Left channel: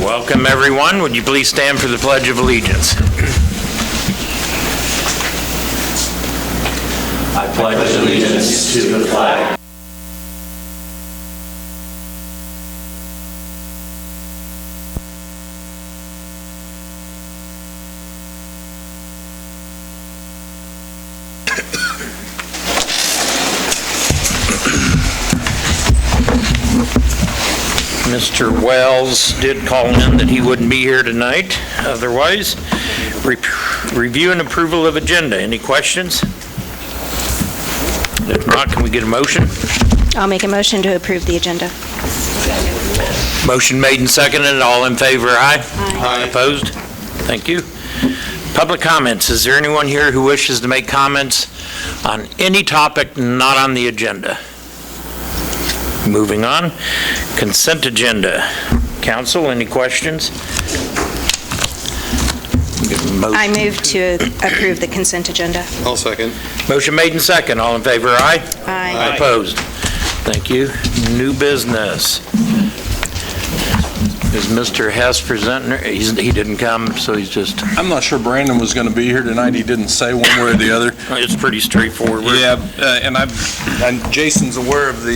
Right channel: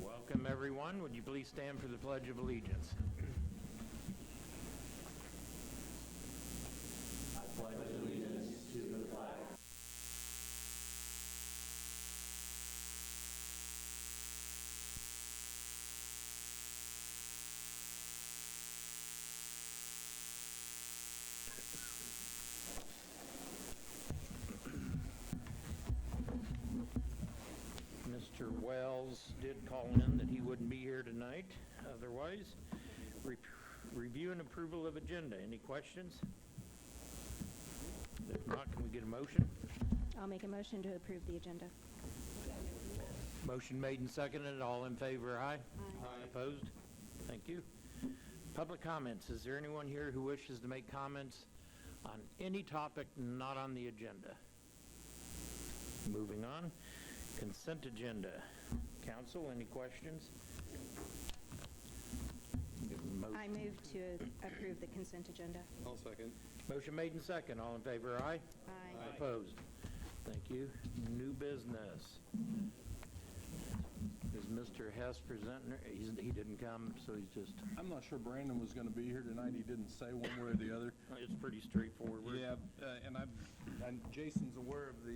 Welcome, everyone. Would you please stand for the Pledge of Allegiance? I pledge allegiance to the flag Mr. Wells did call in that he wouldn't be here tonight. Otherwise, review and approval of agenda. Any questions? If not, can we get a motion? I'll make a motion to approve the agenda. Motion made and seconded. All in favor, aye? Aye. Opposed? Thank you. Public comments. Is there anyone here who wishes to make comments on any topic not on the agenda? Moving on. Consent agenda. Council, any questions? I move to approve the consent agenda. I'll second. Motion made and second. All in favor, aye? Aye. Opposed? Thank you. New business. Is Mr. Hess presenting? He didn't come, so he's just... I'm not sure Brandon was going to be here tonight. He didn't say one way or the other. It's pretty straightforward. Yeah, and Jason's aware of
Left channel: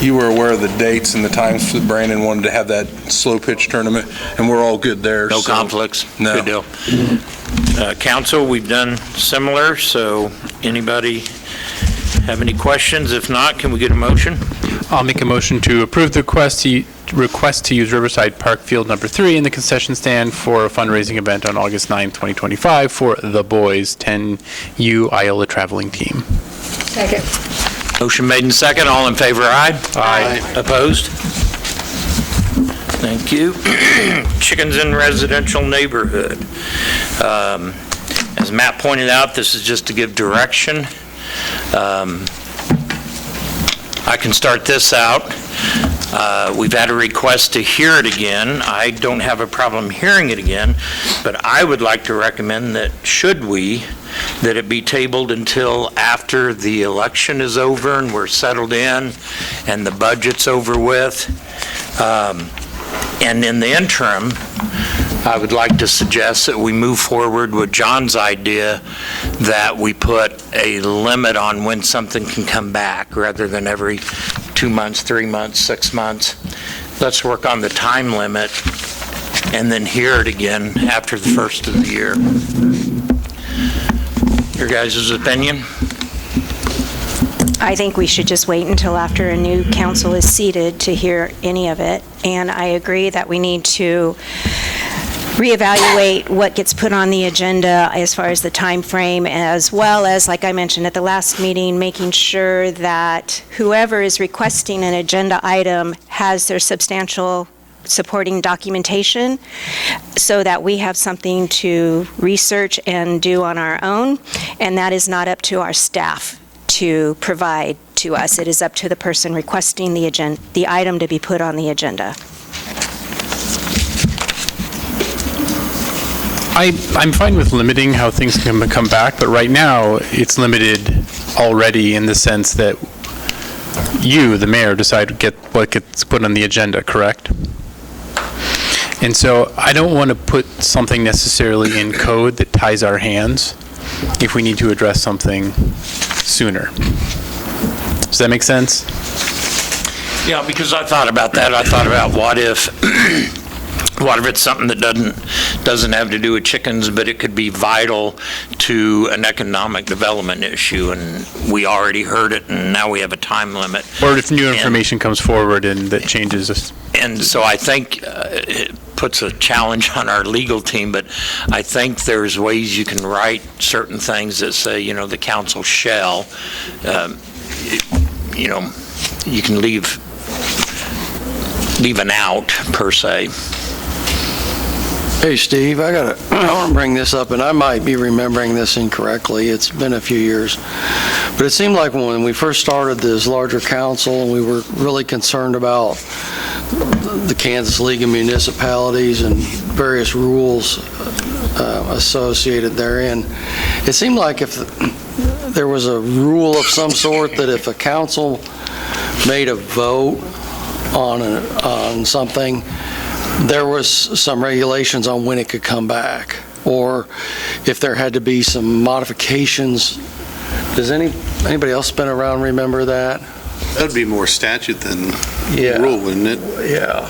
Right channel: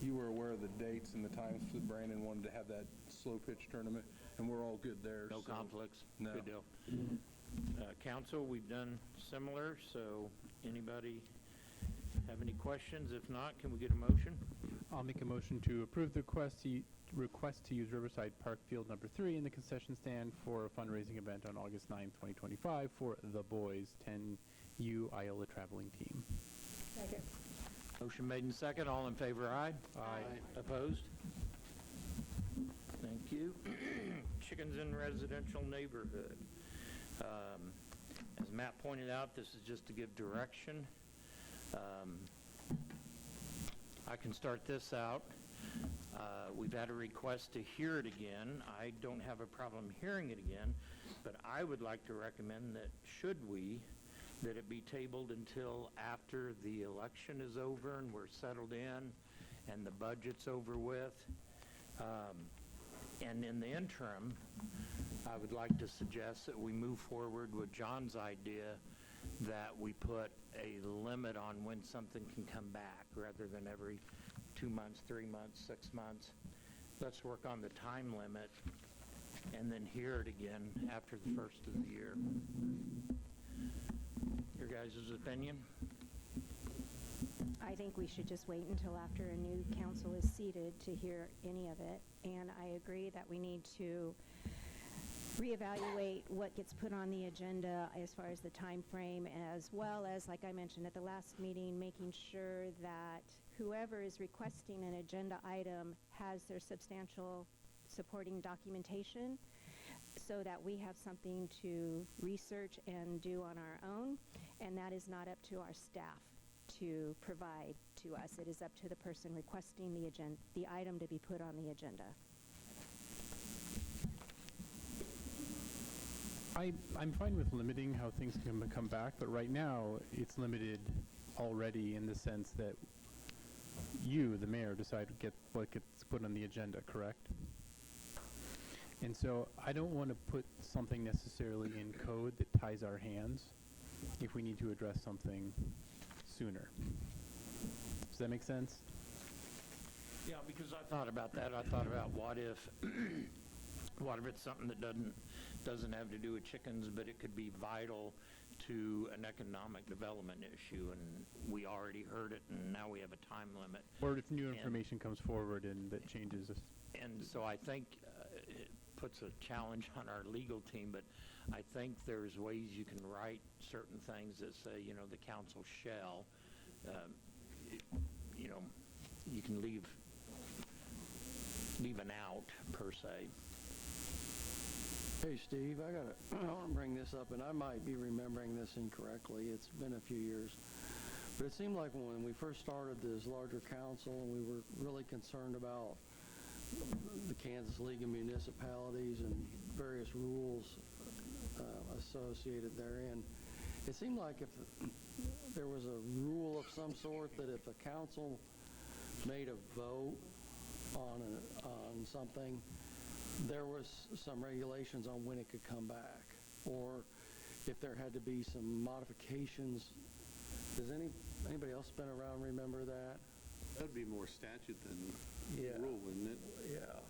you were aware of the dates and the times that Brandon wanted to have that slow pitch tournament, and we're all good there. No conflicts? No. Good deal. Council, we've done similar, so anybody have any questions? If not, can we get a motion? I'll make a motion to approve the request to use Riverside Park Field number 3 in the concession stand for a fundraising event on August 9th, 2025 for the boys 10U Iola traveling team. Second. Motion made and second. All in favor, aye? Aye. Opposed? Thank you. Chickens in residential neighborhood. As Matt pointed out, this is just to give direction. I can start this out. We've had a request to hear it again. I don't have a problem hearing it again, but I would like to recommend that that it be tabled until after the election is over and we're settled in and the budget's over with. And in the interim, I would like to suggest that we move forward with John's idea that we put a limit on when something can come back rather than every 2 months, 3 months, 6 months. Let's work on the time limit and then hear it again after the first of the year. Your guys' opinion? I think we should just wait until after a new council is seated to hear any of it. And I agree that we need to reevaluate what gets put on the agenda as far as the time frame, as well as, like I mentioned at the last meeting, making sure that whoever is requesting an agenda item has their substantial supporting documentation so that we have something to research and do on our own, and that is not up to our staff to provide to us. It is up to the person requesting the item to be put on the agenda. I'm fine with limiting how things can come back, but right now it's limited already in the sense that you, the mayor, decide what gets put on the agenda, correct? And so I don't want to put something necessarily in code that ties our hands if we need to address something sooner. Does that make sense? Yeah, because I thought about that. I thought about what if it's something that doesn't have to do with chickens, but it could be vital to an economic development issue, and we already heard it, and now we have a time limit. Or if new information comes forward and that changes us. And so I think it puts a challenge on our legal team, but I think there's ways you can write certain things that say, the council shall, you can leave an out, per se. Hey, Steve, I want to bring this up, and I might be remembering this incorrectly. It's been a few years. But it seemed like when we first started this larger council, and we were really concerned about the Kansas League of Municipalities and various rules associated therein, it seemed like if there was a rule of some sort that if a council made a vote on something, there was some regulations on when it could come back, or if there had to be some modifications. Does anybody else been around remember that? That'd be more statute than Yeah. rule, wouldn't it? Yeah.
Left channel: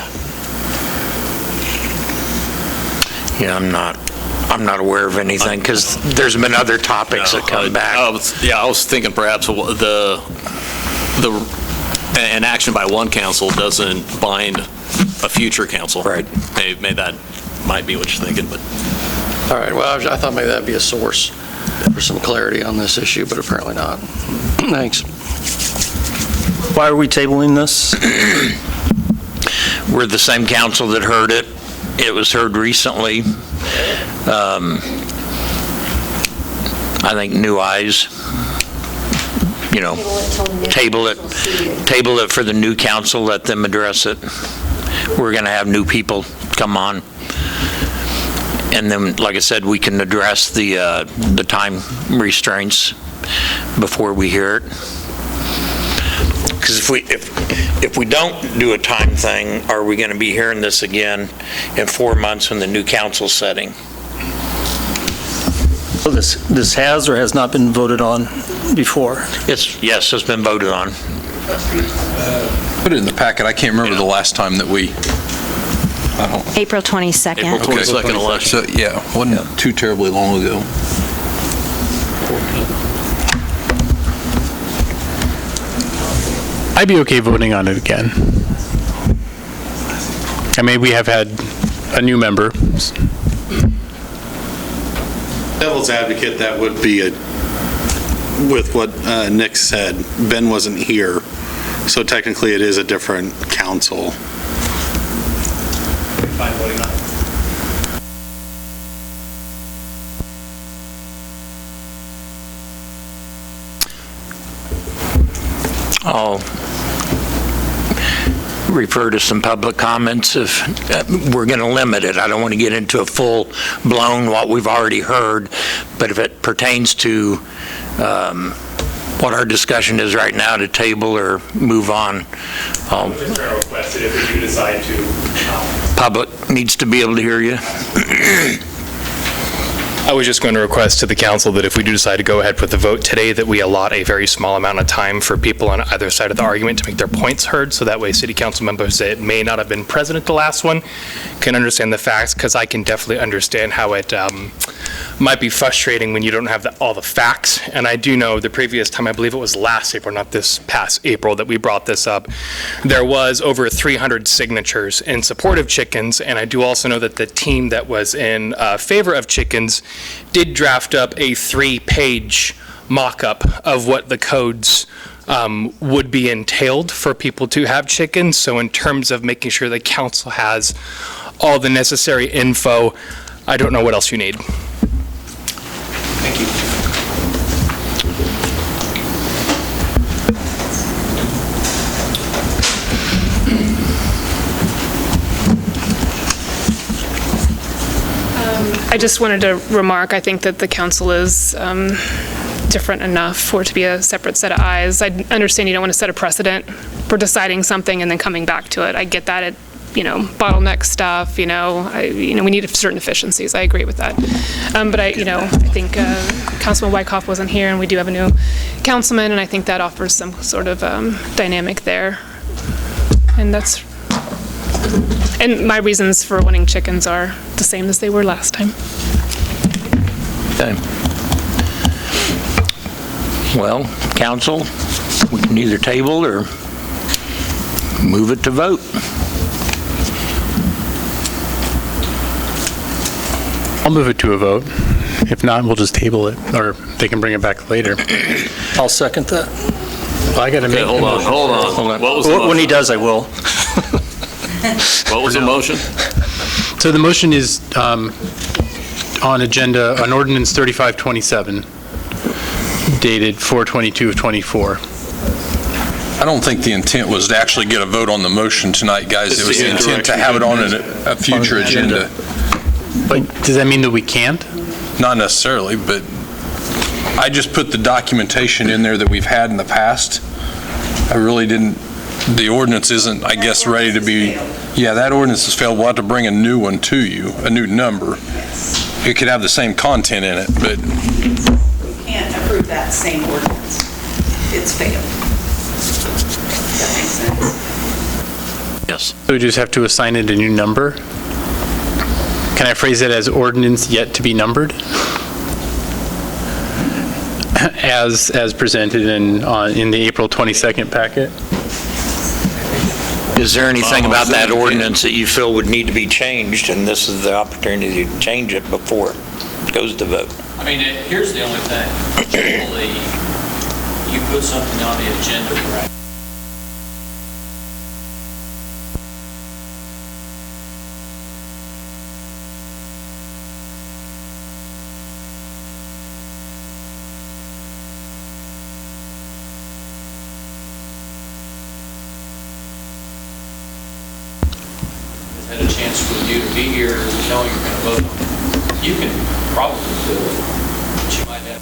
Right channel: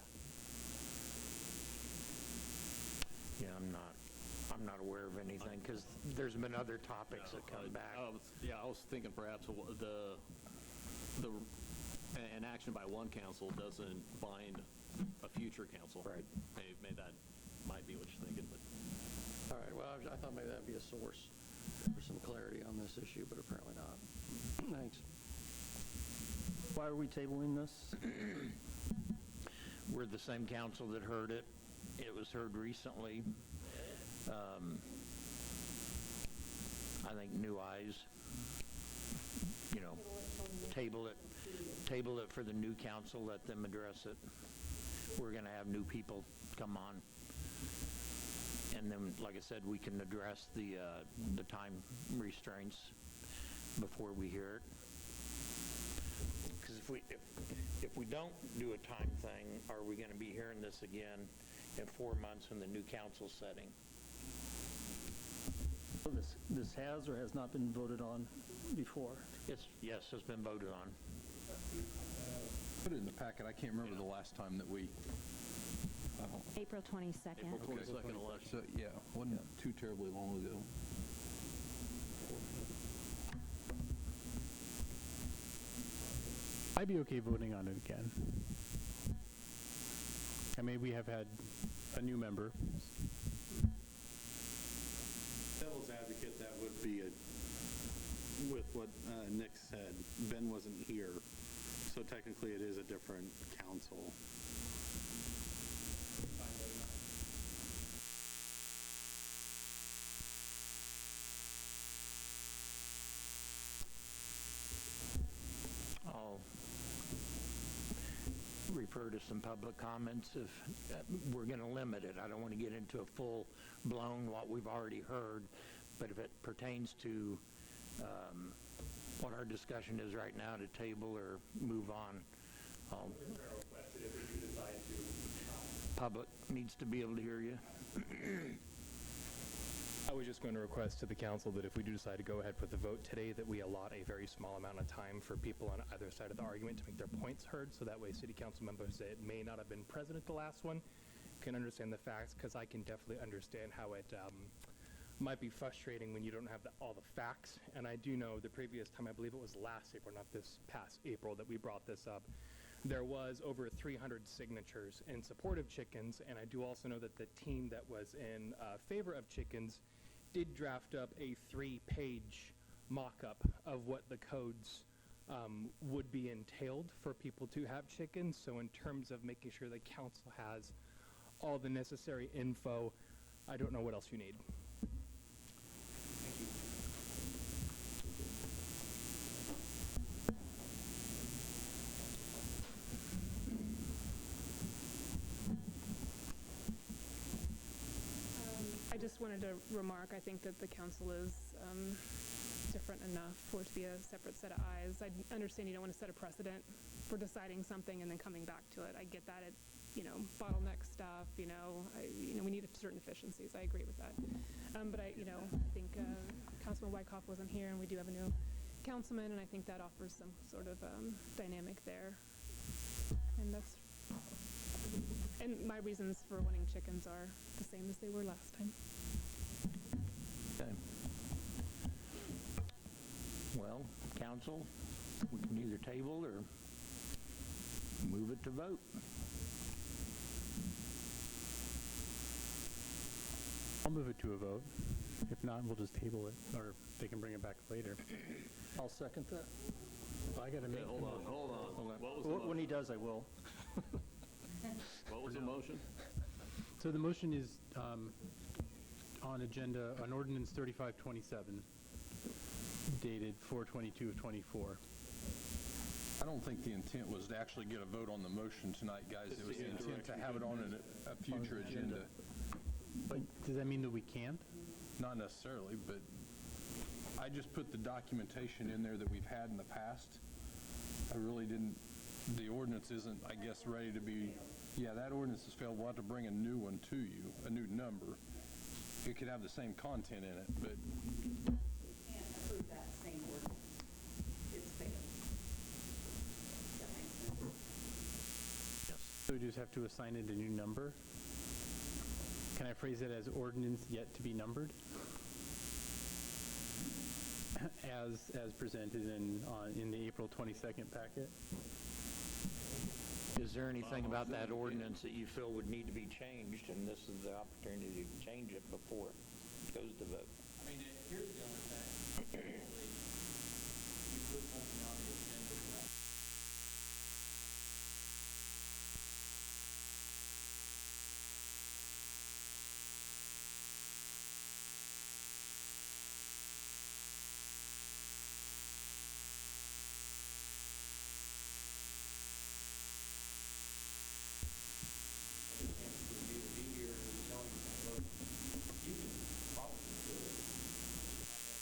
Yeah, I'm not aware of anything, because there's been other topics that come back. I was thinking perhaps an action by one council doesn't bind a future council. Right. Maybe that might be what you're thinking, but. All right, well, I thought maybe that'd be a source for some clarity on this issue, but apparently not. Thanks. Why are we tabling this? We're the same council that heard it. It was heard recently. I think new eyes, table it for the new council, let them address it. We're going to have new people come on. And then, like I said, we can address the time restraints before we hear it. Because if we don't do a time thing, are we going to be hearing this again in 4 months when the new council's setting? So this has or has not been voted on before? Yes, it's been voted on. Put it in the packet. I can't remember the last time that we, April 22nd. April 22nd election. so yeah, wasn't too terribly long ago. I'd be okay voting on it again. I mean, we have had a new member. Devil's advocate, that would be with what Nick said. Ben wasn't here, so technically it is a different council. Fine voting on it. I'll refer to some public comments if we're going to limit it. I don't want to get into a full-blown what we've already heard, but if it pertains to what our discussion is right now, to table or move on, requested if we do decide to. public needs to be able to hear you. I was just going to request to the council that if we do decide to go ahead with the vote today, that we allot a very small amount of time for people on either side of the argument to make their points heard, so that way city council members that may not have been present at the last one can understand the facts, because I can definitely understand how it might be frustrating when you don't have all the facts. And I do know the previous time, I believe it was last April, not this past April, that we brought this up, there was over 300 signatures in support of chickens. And I do also know that the team that was in favor of chickens did draft up a 3-page mock-up of what the codes would be entailed for people to have chickens. So in terms of making sure the council has all the necessary info, I don't know what else you need. Thank you. I just wanted to remark, I think that the council is different enough for it to be a separate set of eyes. I understand you don't want to set a precedent for deciding something and then coming back to it. I get that it, bottleneck stuff, we need certain efficiencies. I agree with that. But I think Councilman Wyckoff wasn't here, and we do have a new councilman, and I think that offers some sort of dynamic there. And my reasons for wanting chickens are the same as they were last time. Okay. Well, council, we can either table or move it to vote. I'll move it to a vote. If not, we'll just table it, or they can bring it back later. I'll second that. Well, I got to make. Hold on. What was the motion? When he does, I will. What was the motion? So the motion is on ordinance 3527, dated 4/22 of '24. I don't think the intent was to actually get a vote on the motion tonight, guys. It was the intent to have it on a future agenda. But does that mean that we can't? Not necessarily, but I just put the documentation in there that we've had in the past. I really didn't, the ordinance isn't, I guess, ready to be Yeah, that ordinance has failed. We'll have to bring a new one to you, a new number. It could have the same content in it, but We can't approve that same ordinance. It's failed. Does that make sense? Yes. So we just have to assign it a new number? Can I phrase it as ordinance yet to be numbered? As presented in the April 22nd packet? Is there anything about that ordinance that you feel would need to be changed, and this is the opportunity to change it before it goes to vote? I mean, here's the only thing. Generally, you put something on the agenda, right? Had a chance for you to be here knowing you're going to vote on it. You can probably do it, but you might have.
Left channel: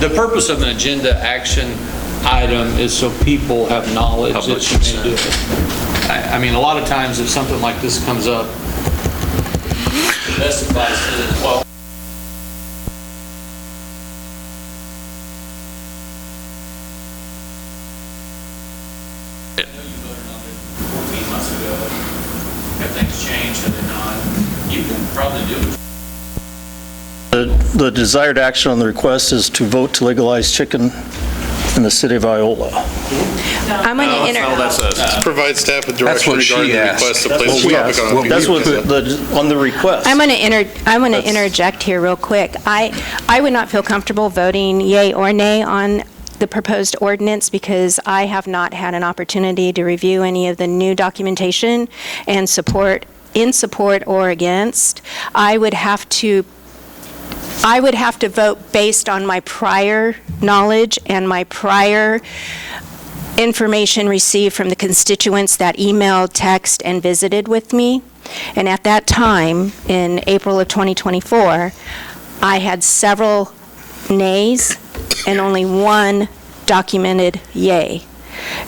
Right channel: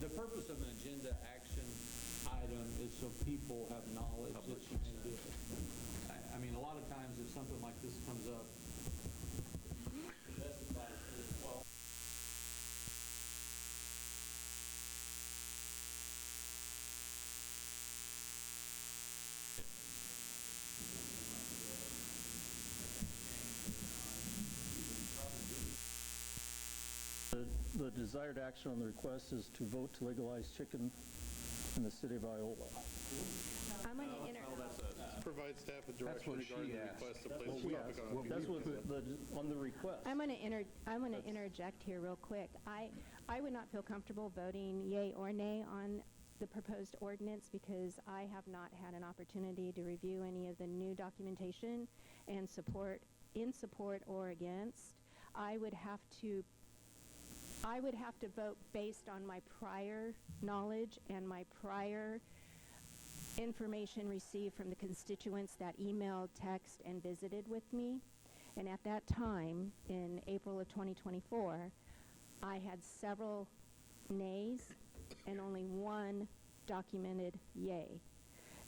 The purpose of an agenda action item is so people have knowledge that you may do it. I mean, a lot of times if something like this comes up, the best advice is, well, The desired action on the request is to vote to legalize chicken in the city of Iola. I'm going to Provide staff with That's direction what she regarding the asked. request to That's place what the we topic asked. on a That's future what agenda. on the request. I'm going to interject here real quick. I would not feel comfortable voting yay or nay on the proposed ordinance because I have not had an opportunity to review any of the new documentation and support or against. I would have to vote based on my prior knowledge and my prior information received from the constituents that emailed, text, and visited with me. And at that time, in April of 2024, I had several nays and only one documented yay.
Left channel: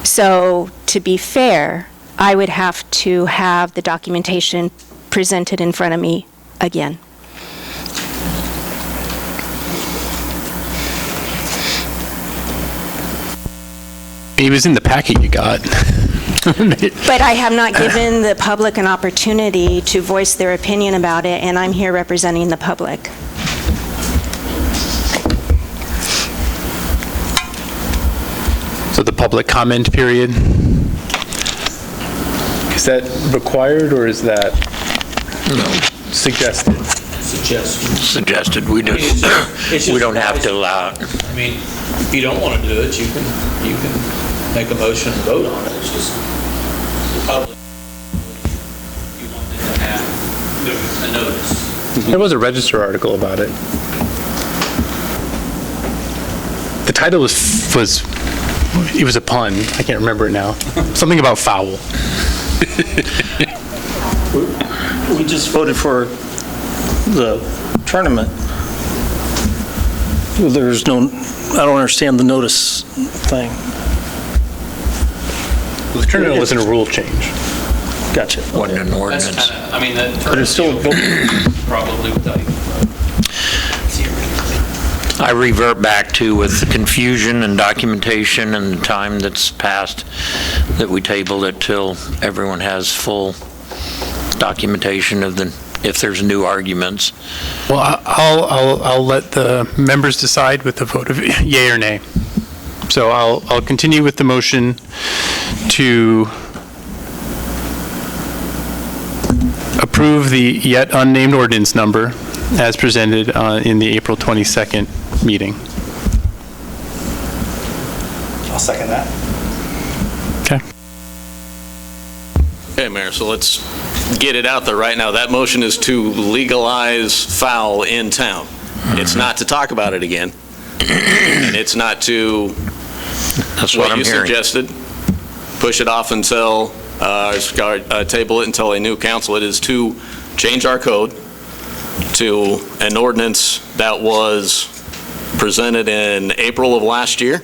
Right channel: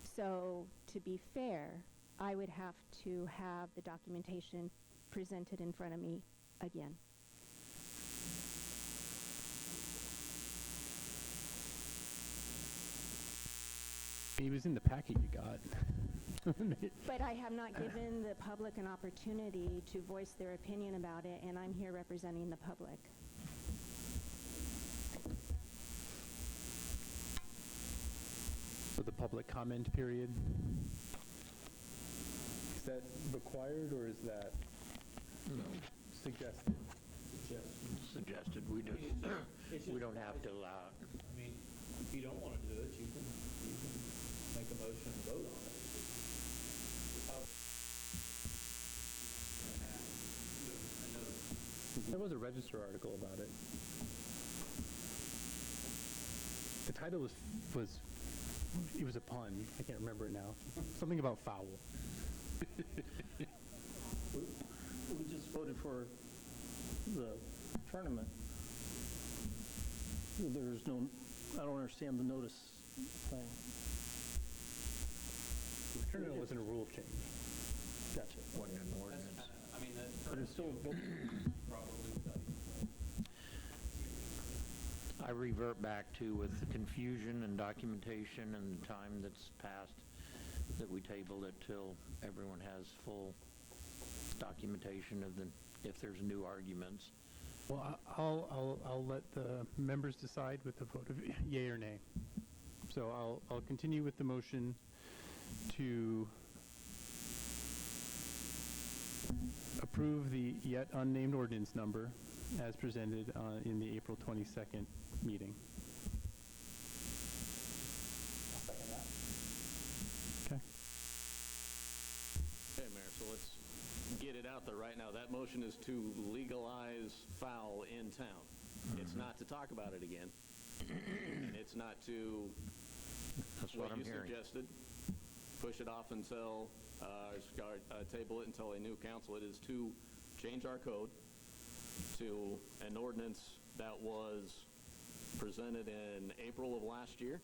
So to be fair, I would have to have the documentation presented in front of me again. It was in the packet you got. But I have not given the public an opportunity to voice their opinion about it, and I'm here representing the public. So the public comment period, is that required or is that suggested? Suggested. We don't have to allow it. I mean, if you don't want to do it, you can make a motion and vote on it. It's just the public, you want them to have a notice. There was a Register article about it. The title was it was a pun. I can't remember it now. Something about foul. We just voted for the tournament. There's no, I don't understand the notice thing. The tournament wasn't a rule change. Gotcha. Wasn't an That's ordinance. kind of, I mean, that. But it's still Probably without even. I revert back to with the confusion and documentation and the time that's passed, that we tabled it till everyone has full documentation of if there's new arguments. Well, I'll let the members decide with the vote of yay or nay. So I'll continue with the motion to approve the yet unnamed ordinance number as presented in the April 22nd meeting. I'll second that. Okay. Okay, Mayor, so let's get it out there right now. That motion is to legalize foul in town. It's not to talk about it again. And it's not to, That's what I'm you hearing. suggested, push it off until, table it until a new council. It is to change our code to an ordinance that was presented in April of last year.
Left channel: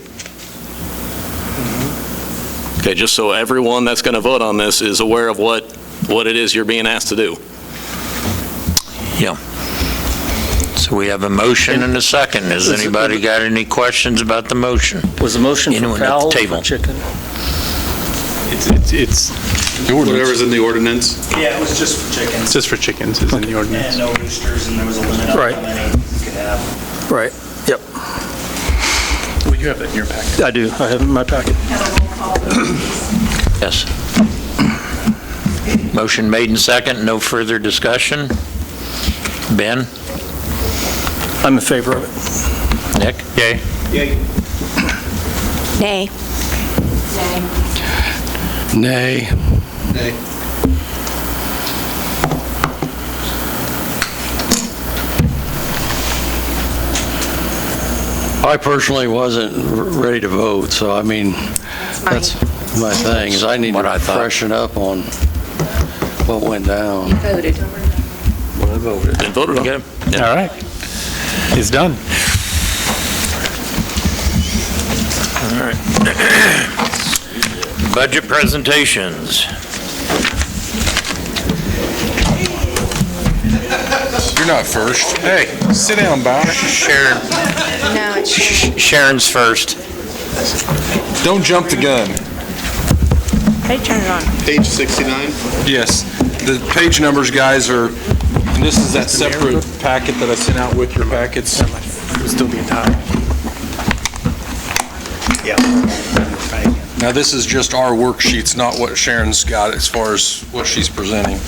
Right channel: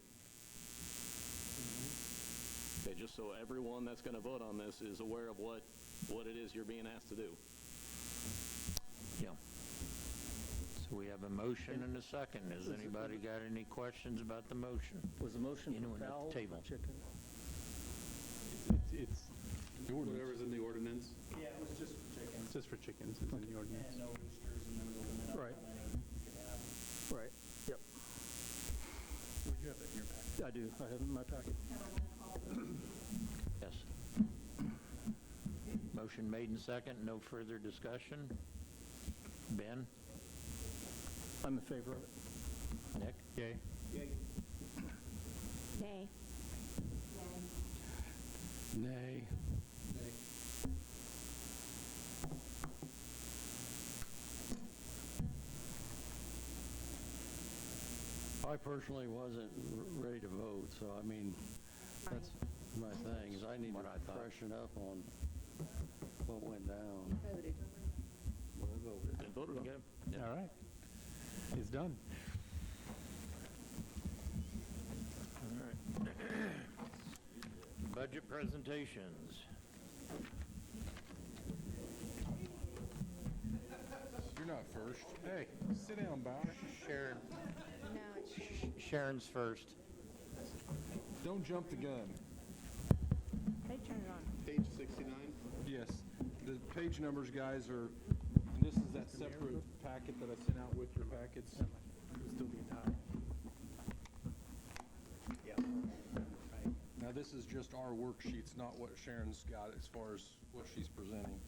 Okay, just so everyone that's going to vote on this is aware of what it is you're being asked to do. Yeah. So we have a motion and a second. Has anybody got any questions about the motion? Was the motion for Anyone at the fowl or table? for chicken? It's Whatever's in the ordinance. Yeah, it was just for chickens. just for chickens, is in the ordinance. And no roosters, and there was a limit on Right. how many you could have. Right. Yep. Well, you have that in your packet. I do. I have it in my packet. Yes. Motion made and second, no further discussion. Ben? I'm in favor of it. Nick? Yay. Nay. Nay. Nay. I personally wasn't ready to vote, so I mean, that's my thing, is I need What to I thought. freshen up on what went down. Voted. Been voted on. Okay. All right. It's done. All right. Budget presentations. You're not first. Hey, sit down, Bob. Sharon. No, it's Sharon's first. Don't jump the gun. Hey, turn it on. Page 69. Yes, the page numbers, guys, are, and this is that separate packet that I sent out with your packets. It would still be a tie. Yeah. Now, this is just our worksheets, not what Sharon's got as far as what she's presenting.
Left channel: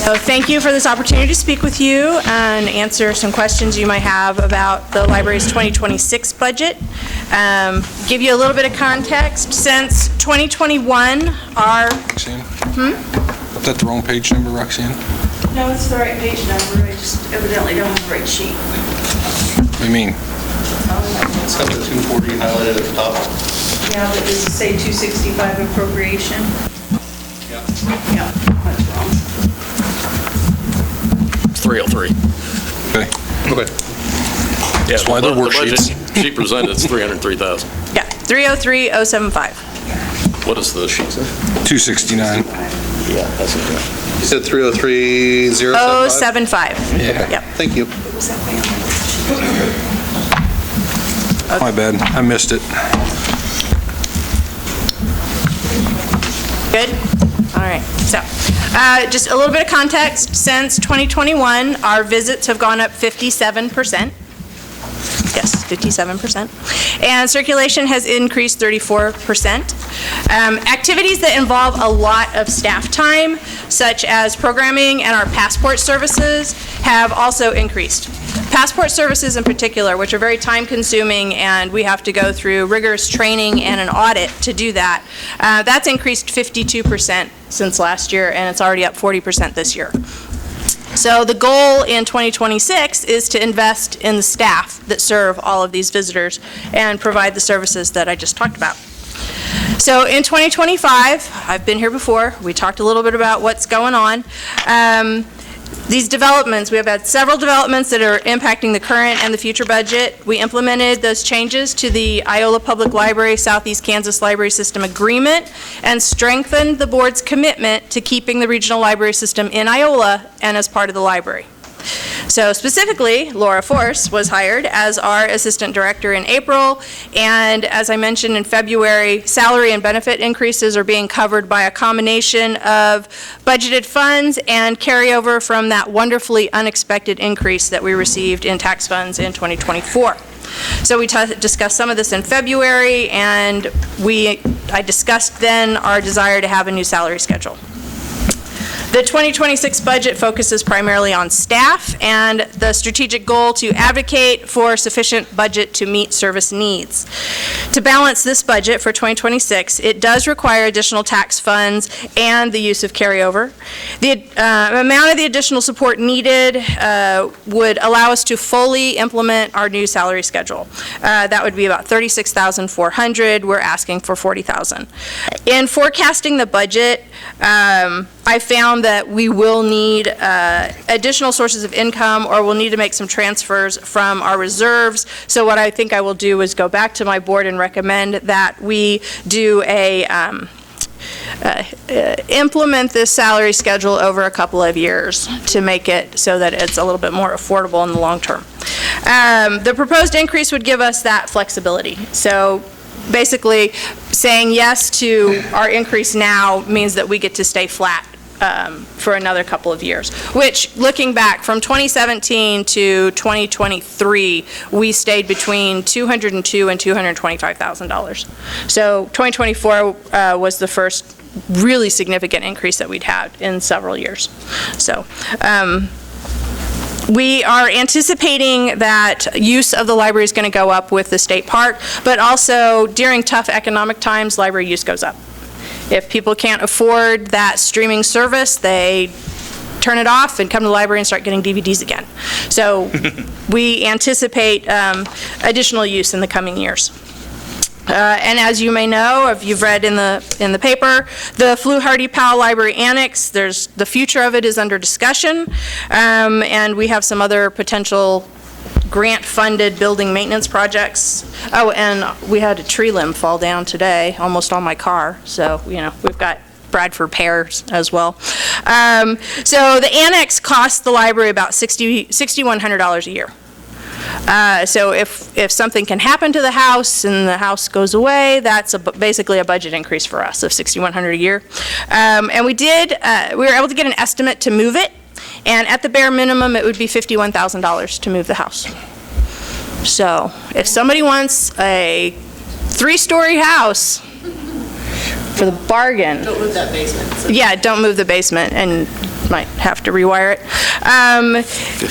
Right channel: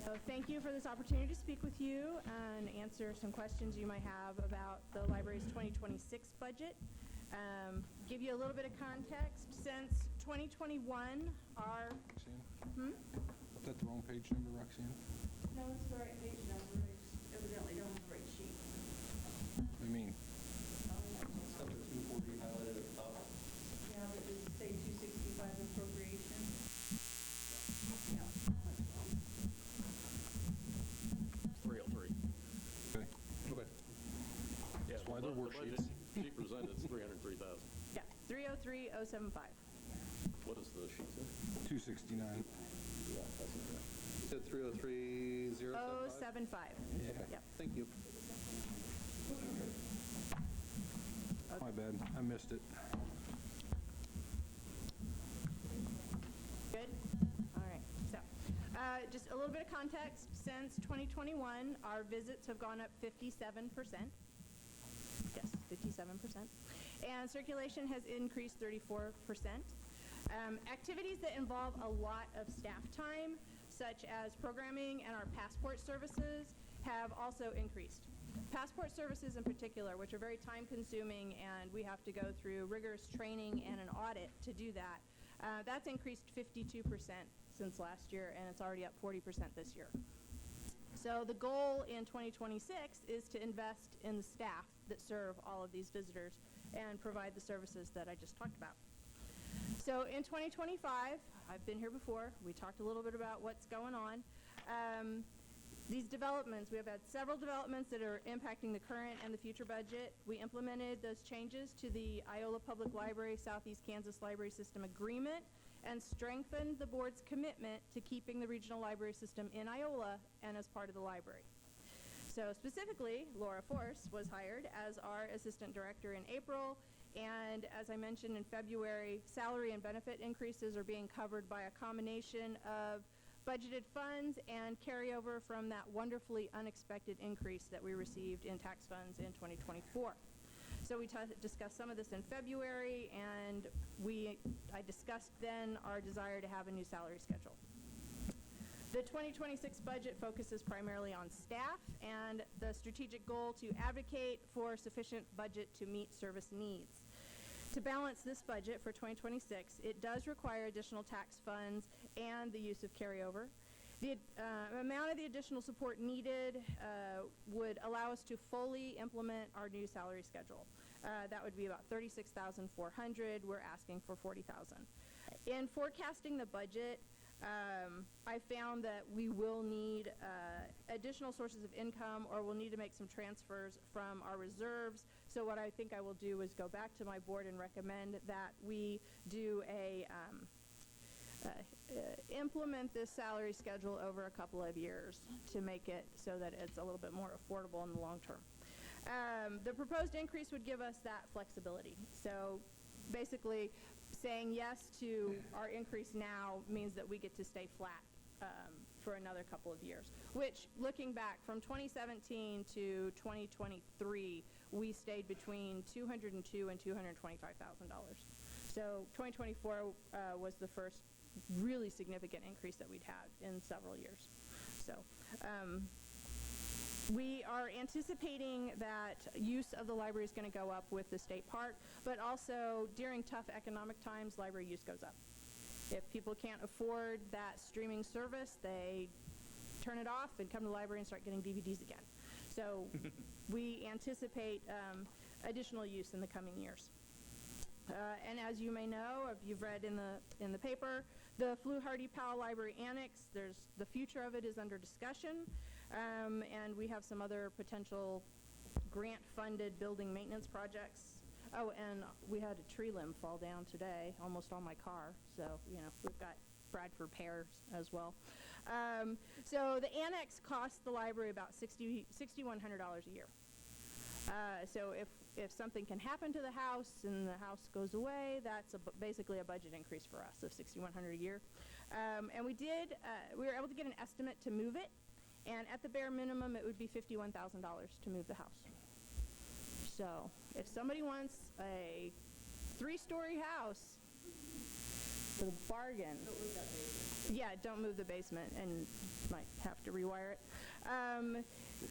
So thank you for this opportunity to speak with you and answer some questions you might have about the library's 2026 budget. Give you a little bit of context. Since 2021, our... Roxanne? Is that the wrong page number, Roxanne? No, it's the right page number, I just evidently don't have the right sheet. What do you mean? It's got the 240 highlighted at the top. Yeah, but does it say 265 appropriation? Yeah, that's wrong. 303. Okay. That's why they're The worksheets. budget she presented is 303,000. Yeah, 303,075. What does the sheet say? 269. You said 303,075? 075. Yep. Thank you. My bad, I missed it. Good? All right. So, just a little bit of context. Since 2021, our visits have gone up 57%. Yes, 57%. And circulation has increased 34%. Activities that involve a lot of staff time, such as programming and our passport services, have also increased. Passport services in particular, which are very time-consuming, and we have to go through rigorous training and an audit to do that, that's increased 52% since last year, and it's already up 40% this year. So the goal in 2026 is to invest in the staff that serve all of these visitors and provide the services that I just talked about. So in 2025, I've been here before, we talked a little bit about what's going on. These developments, we have had several developments that are impacting the current and the future budget. We implemented those changes to the Iola Public Library Southeast Kansas Library System Agreement and strengthened the board's commitment to keeping the regional library system in Iola and as part of the library. So specifically, Laura Force was hired as our assistant director in April, and as I mentioned in February, salary and benefit increases are being covered by a combination of budgeted funds and carryover from that wonderfully unexpected increase that we received in tax funds in 2024. So we discussed some of this in February, and I discussed then our desire to have a new salary schedule. The 2026 budget focuses primarily on staff and the strategic goal to advocate for sufficient budget to meet service needs. To balance this budget for 2026, it does require additional tax funds and the use of carryover. The amount of the additional support needed would allow us to fully implement our new salary schedule. That would be about $36,400. We're asking for $40,000. In forecasting the budget, I found found that we will need additional sources of income, or we'll need to make some transfers from our reserves. So what I think I will do is go back to my board and recommend that we do implement this salary schedule over a couple of years to make it so that it's a little bit more affordable in the long term. The proposed increase would give us that flexibility. So basically, saying yes to our increase now means that we get to stay flat for another couple of years, which, looking back from 2017 to 2023, we stayed between $202,000 and $225,000. So 2024 was the first really significant increase that we'd had in several years. So we are anticipating that use of the library is going to go up with the state park, but also during tough economic times, library use goes up. If people can't afford that streaming service, they turn it off and come to the library and start getting DVDs again. So we anticipate additional use in the coming years. And as you may know, if you've read in the paper, the Fluharty-Powell Library Annex, the future of it is under discussion, and we have some other potential grant-funded building maintenance projects. Oh, and we had a tree limb fall down today, almost on my car, so, we've got Bradford pears as well. So the annex costs the library about $6,100 a year. So if something can happen to the house and the house goes away, that's basically a budget increase for us of $6,100 a year. And we were able to get an estimate to move it, and at the bare minimum, it would be $51,000 to move the house. So if somebody wants a 3-story house for the bargain. Don't move that basement. Yeah, don't move the basement, and might have to rewire it.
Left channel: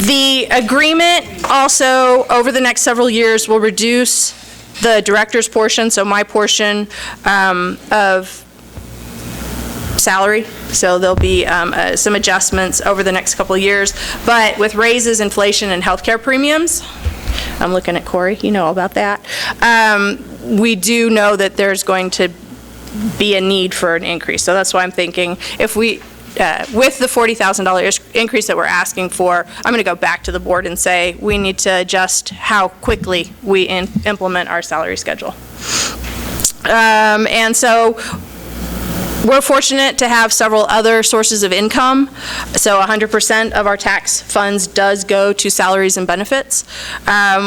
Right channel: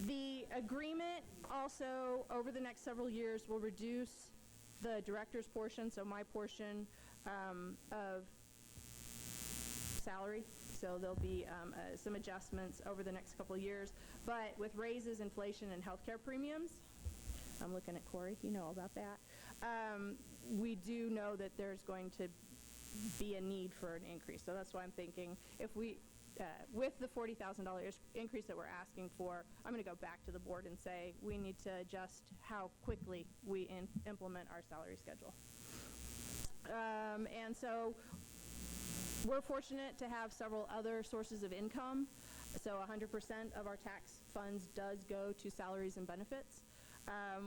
The agreement also, over the next several years, will reduce the director's portion, so my portion of salary. So there'll be some adjustments over the next couple of years. But with raises, inflation, and healthcare premiums, I'm looking at Corey, you know about that, we do know that there's going to be a need for an increase. So that's why I'm thinking if we, with the $40,000 increase that we're asking for, I'm going to go back to the board and say we need to adjust how quickly we implement our salary schedule. And so we're fortunate to have several other sources of income. So 100% of our tax funds does go to salaries and benefits.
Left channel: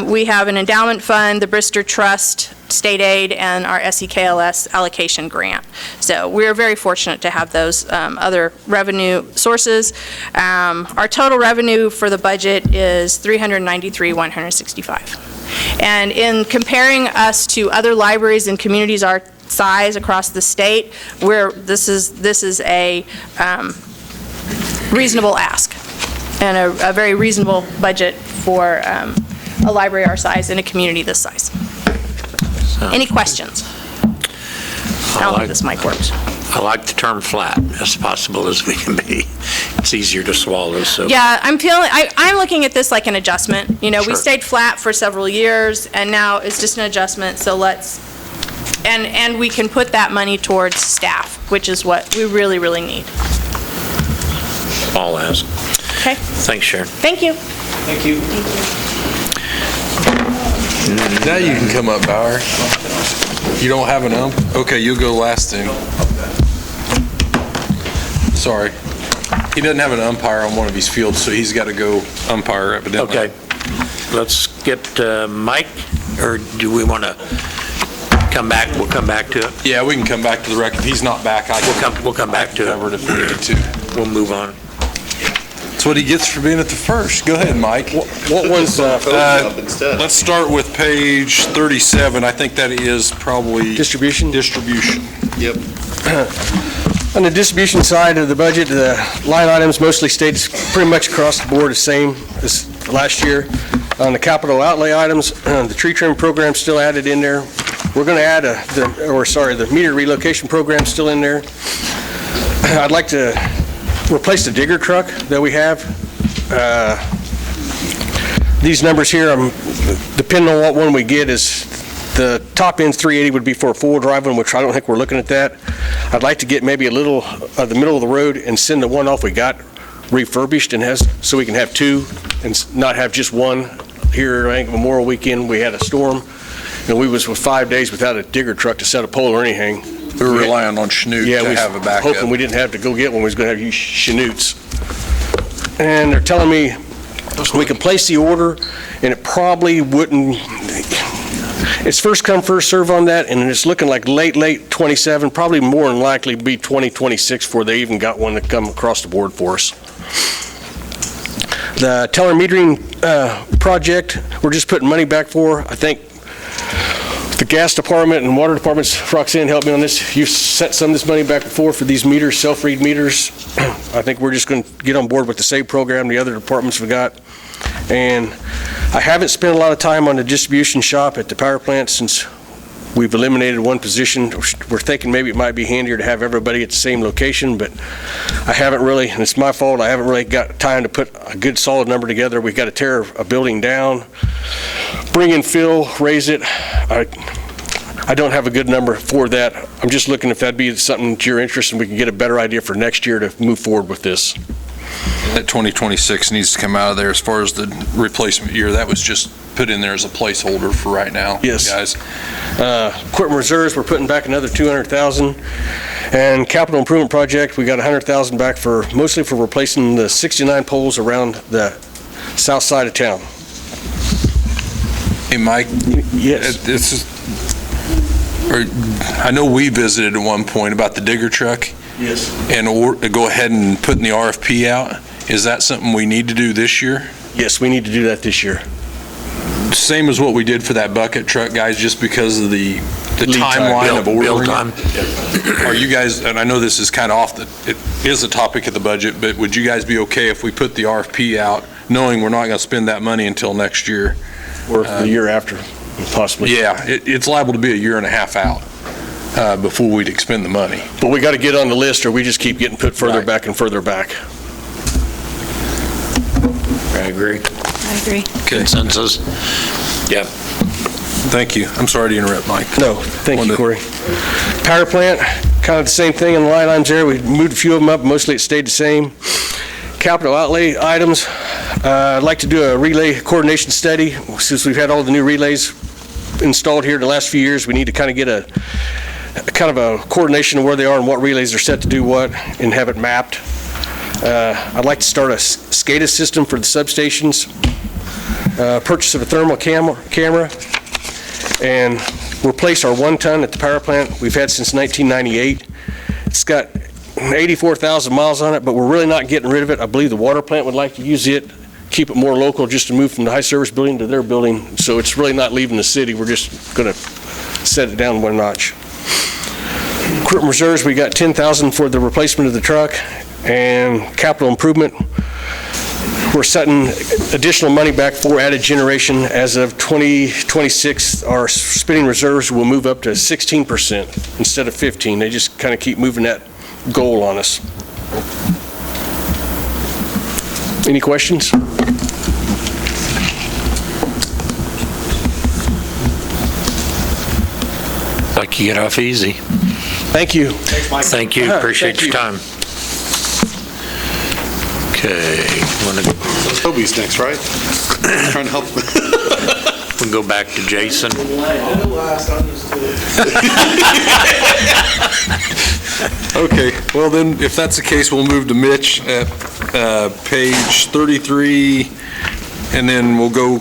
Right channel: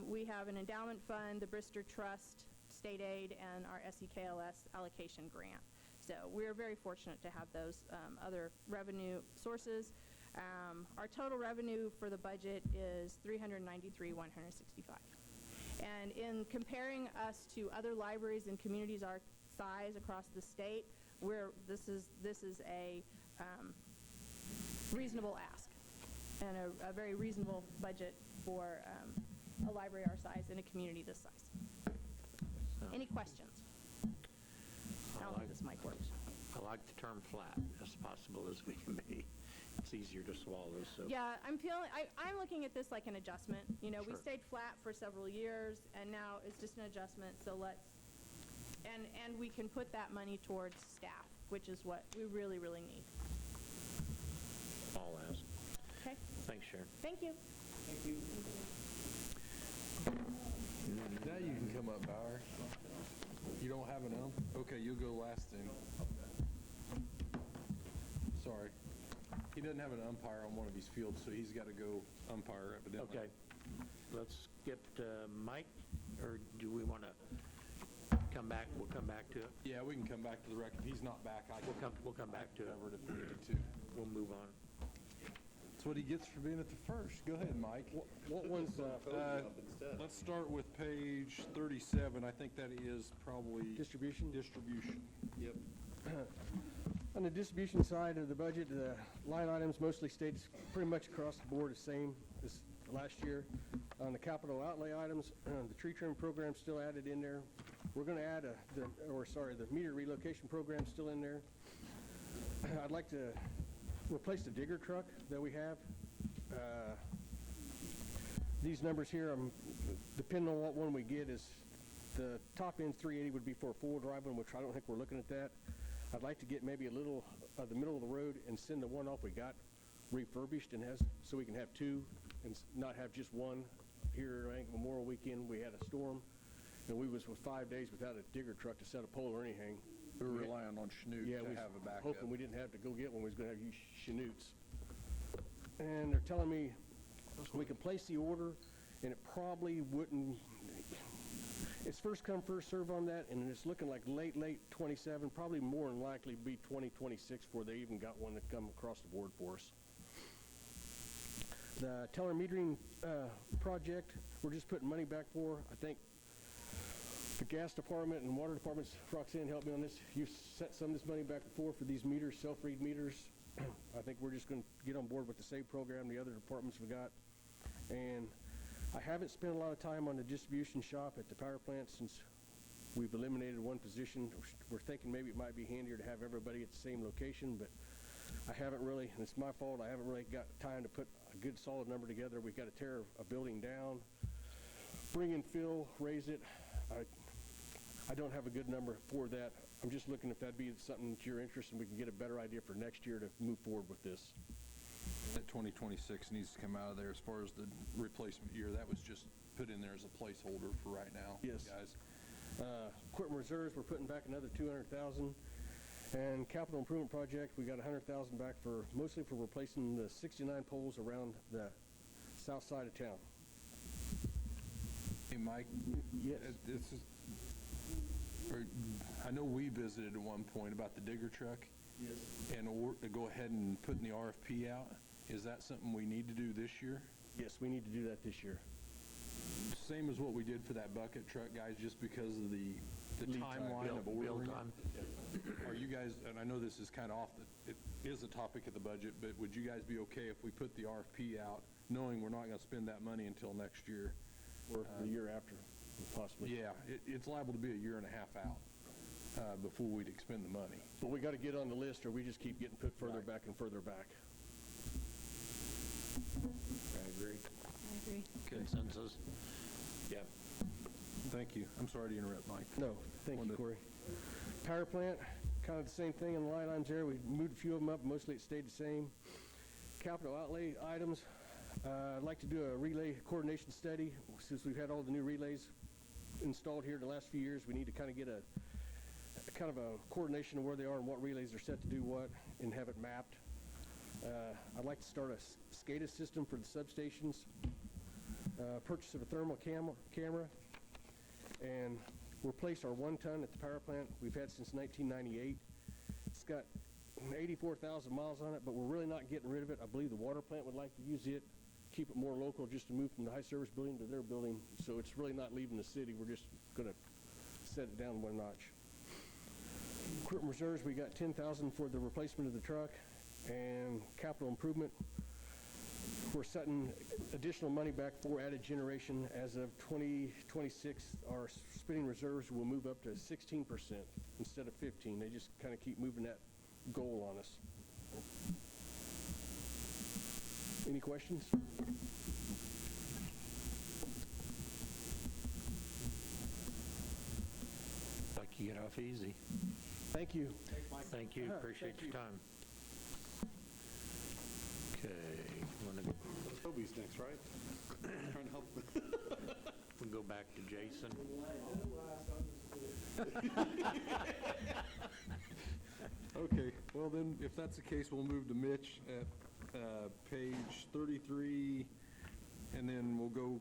We have an endowment fund, the Brister Trust, state aid, and our SEKLS allocation grant. So we're very fortunate to have those other revenue sources. Our total revenue for the budget is $393,165. And in comparing us to other libraries and communities our size across the state, this is a reasonable ask and a very reasonable budget for a library our size in a community this size. Any questions? I don't think this mic works. I like the term flat, as possible as we can be. It's easier to swallow, so. Yeah, I'm looking at this like an adjustment. We Sure. stayed flat for several years, and now it's just an adjustment, so and we can put that money towards staff, which is what we really, really need. All ask. Okay. Thanks, Sharon. Thank you. Thank you. Now you can come up, Bauer. You don't have an ump? Okay, you'll go last then. Sorry. He doesn't have an umpire on one of his fields, so he's got to go umpire evidently. Okay. Let's get Mike, or do we want to come back? We'll come back to it. Yeah, we can come back to the record. He's not back. We'll come back to it. Cover it if we need to. We'll move on. That's what he gets for being at the first. Go ahead, Mike. What was, Let's start with page 37. I think that is probably... Distribution? Distribution. Yep. On the distribution side of the budget, the line items mostly stayed pretty much across the board the same as last year. On the capital outlay items, the tree trim program still added in there. We're going to add the meter relocation program still in there. I'd like to replace the digger truck that we have. These numbers here, depending on what one we get, is The top end's 380 would be for a four-wheel drive one, which I don't think we're looking at that. I'd like to get maybe a little of the middle of the road and send the one off we got refurbished and so we can have two and not have just one. Here, I think Memorial Weekend, we had a storm, and we was for 5 days without a digger truck to set a pole or anything. We were relying on Chanute to have a backup. Hoping we didn't have to go get one. We was going to have to use Chanutes. And they're telling me we can place the order, and it probably wouldn't. It's first come, first serve on that, and it's looking like late 27, probably more than likely be 2026 before they even got one to come across the board for us. The teller metering project, we're just putting money back for. I think the gas department and water departments, Roxanne helped me on this. You've set some of this money back before for these meters, self-read meters. I think we're just going to get on board with the SAVE program, the other departments we got. And I haven't spent a lot of time on the distribution shop at the power plant since we've eliminated one position. We're thinking maybe it might be handier to have everybody at the same location, but I haven't really, and it's my fault, I haven't really got time to put a good solid number together. We've got to tear a building down, bring in fill, raise it. I don't have a good number for that. I'm just looking if that'd be something to your interest and we can get a better idea for next year to move forward with this. That 2026 needs to come out of there as far as the replacement year. That was just put in there as a placeholder for right now. Yes. Guys. Equipment reserves, we're putting back another 200,000. And capital improvement project, we got 100,000 back for, mostly for replacing the 69 poles around the south side of town. Hey, Mike. Yes. I know we visited at one point about the digger truck. Yes. And go ahead and put in the RFP out. Is that something we need to do this year? Yes, we need to do that this year. Same as what we did for that bucket truck, guys, just because of the timeline of ordering. Are you guys, and I know this is kind of it is a topic of the budget, but would you guys be okay if we put the RFP out, knowing we're not going to spend that money until next year? Or the year after, possibly. Yeah, it's liable to be a year and a half out before we'd expend the money. But we got to get on the list or we just keep getting put further back and further back. I agree. I agree. Consensus? Yep. Thank you. I'm sorry to interrupt, Mike. No, thank you, Corey. Power plant, kind of the same thing in the line items there. We moved a few of them up. Mostly it stayed the same. Capital outlay items, I'd like to do a relay coordination study. Since we've had all the new relays installed here the last few years, we need to kind of get a coordination of where they are and what relays are set to do what and have it mapped. I'd like to start a SCADA system for the substations, purchase of a thermal camera, and replace our 1 ton at the power plant we've had since 1998. It's got 84,000 miles on it, but we're really not getting rid of it. I believe the water plant would like to use it, keep it more local, just to move from the high service building to their building. So it's really not leaving the city. We're just going to set it down one notch. Equipment reserves, we got 10,000 for the replacement of the truck, and capital improvement, we're setting additional money back for added generation. As of 2026, our spending reserves will move up to 16% instead of 15%. They just kind of keep moving that goal on us. Any questions? Like you get off easy. Thank you. Thanks, Mike. Thank you. Appreciate your time. Okay. Toby's next, right? Trying to help. We'll go back to Jason. Okay, well then, if that's the case, we'll move to Mitch at page 33, and then we'll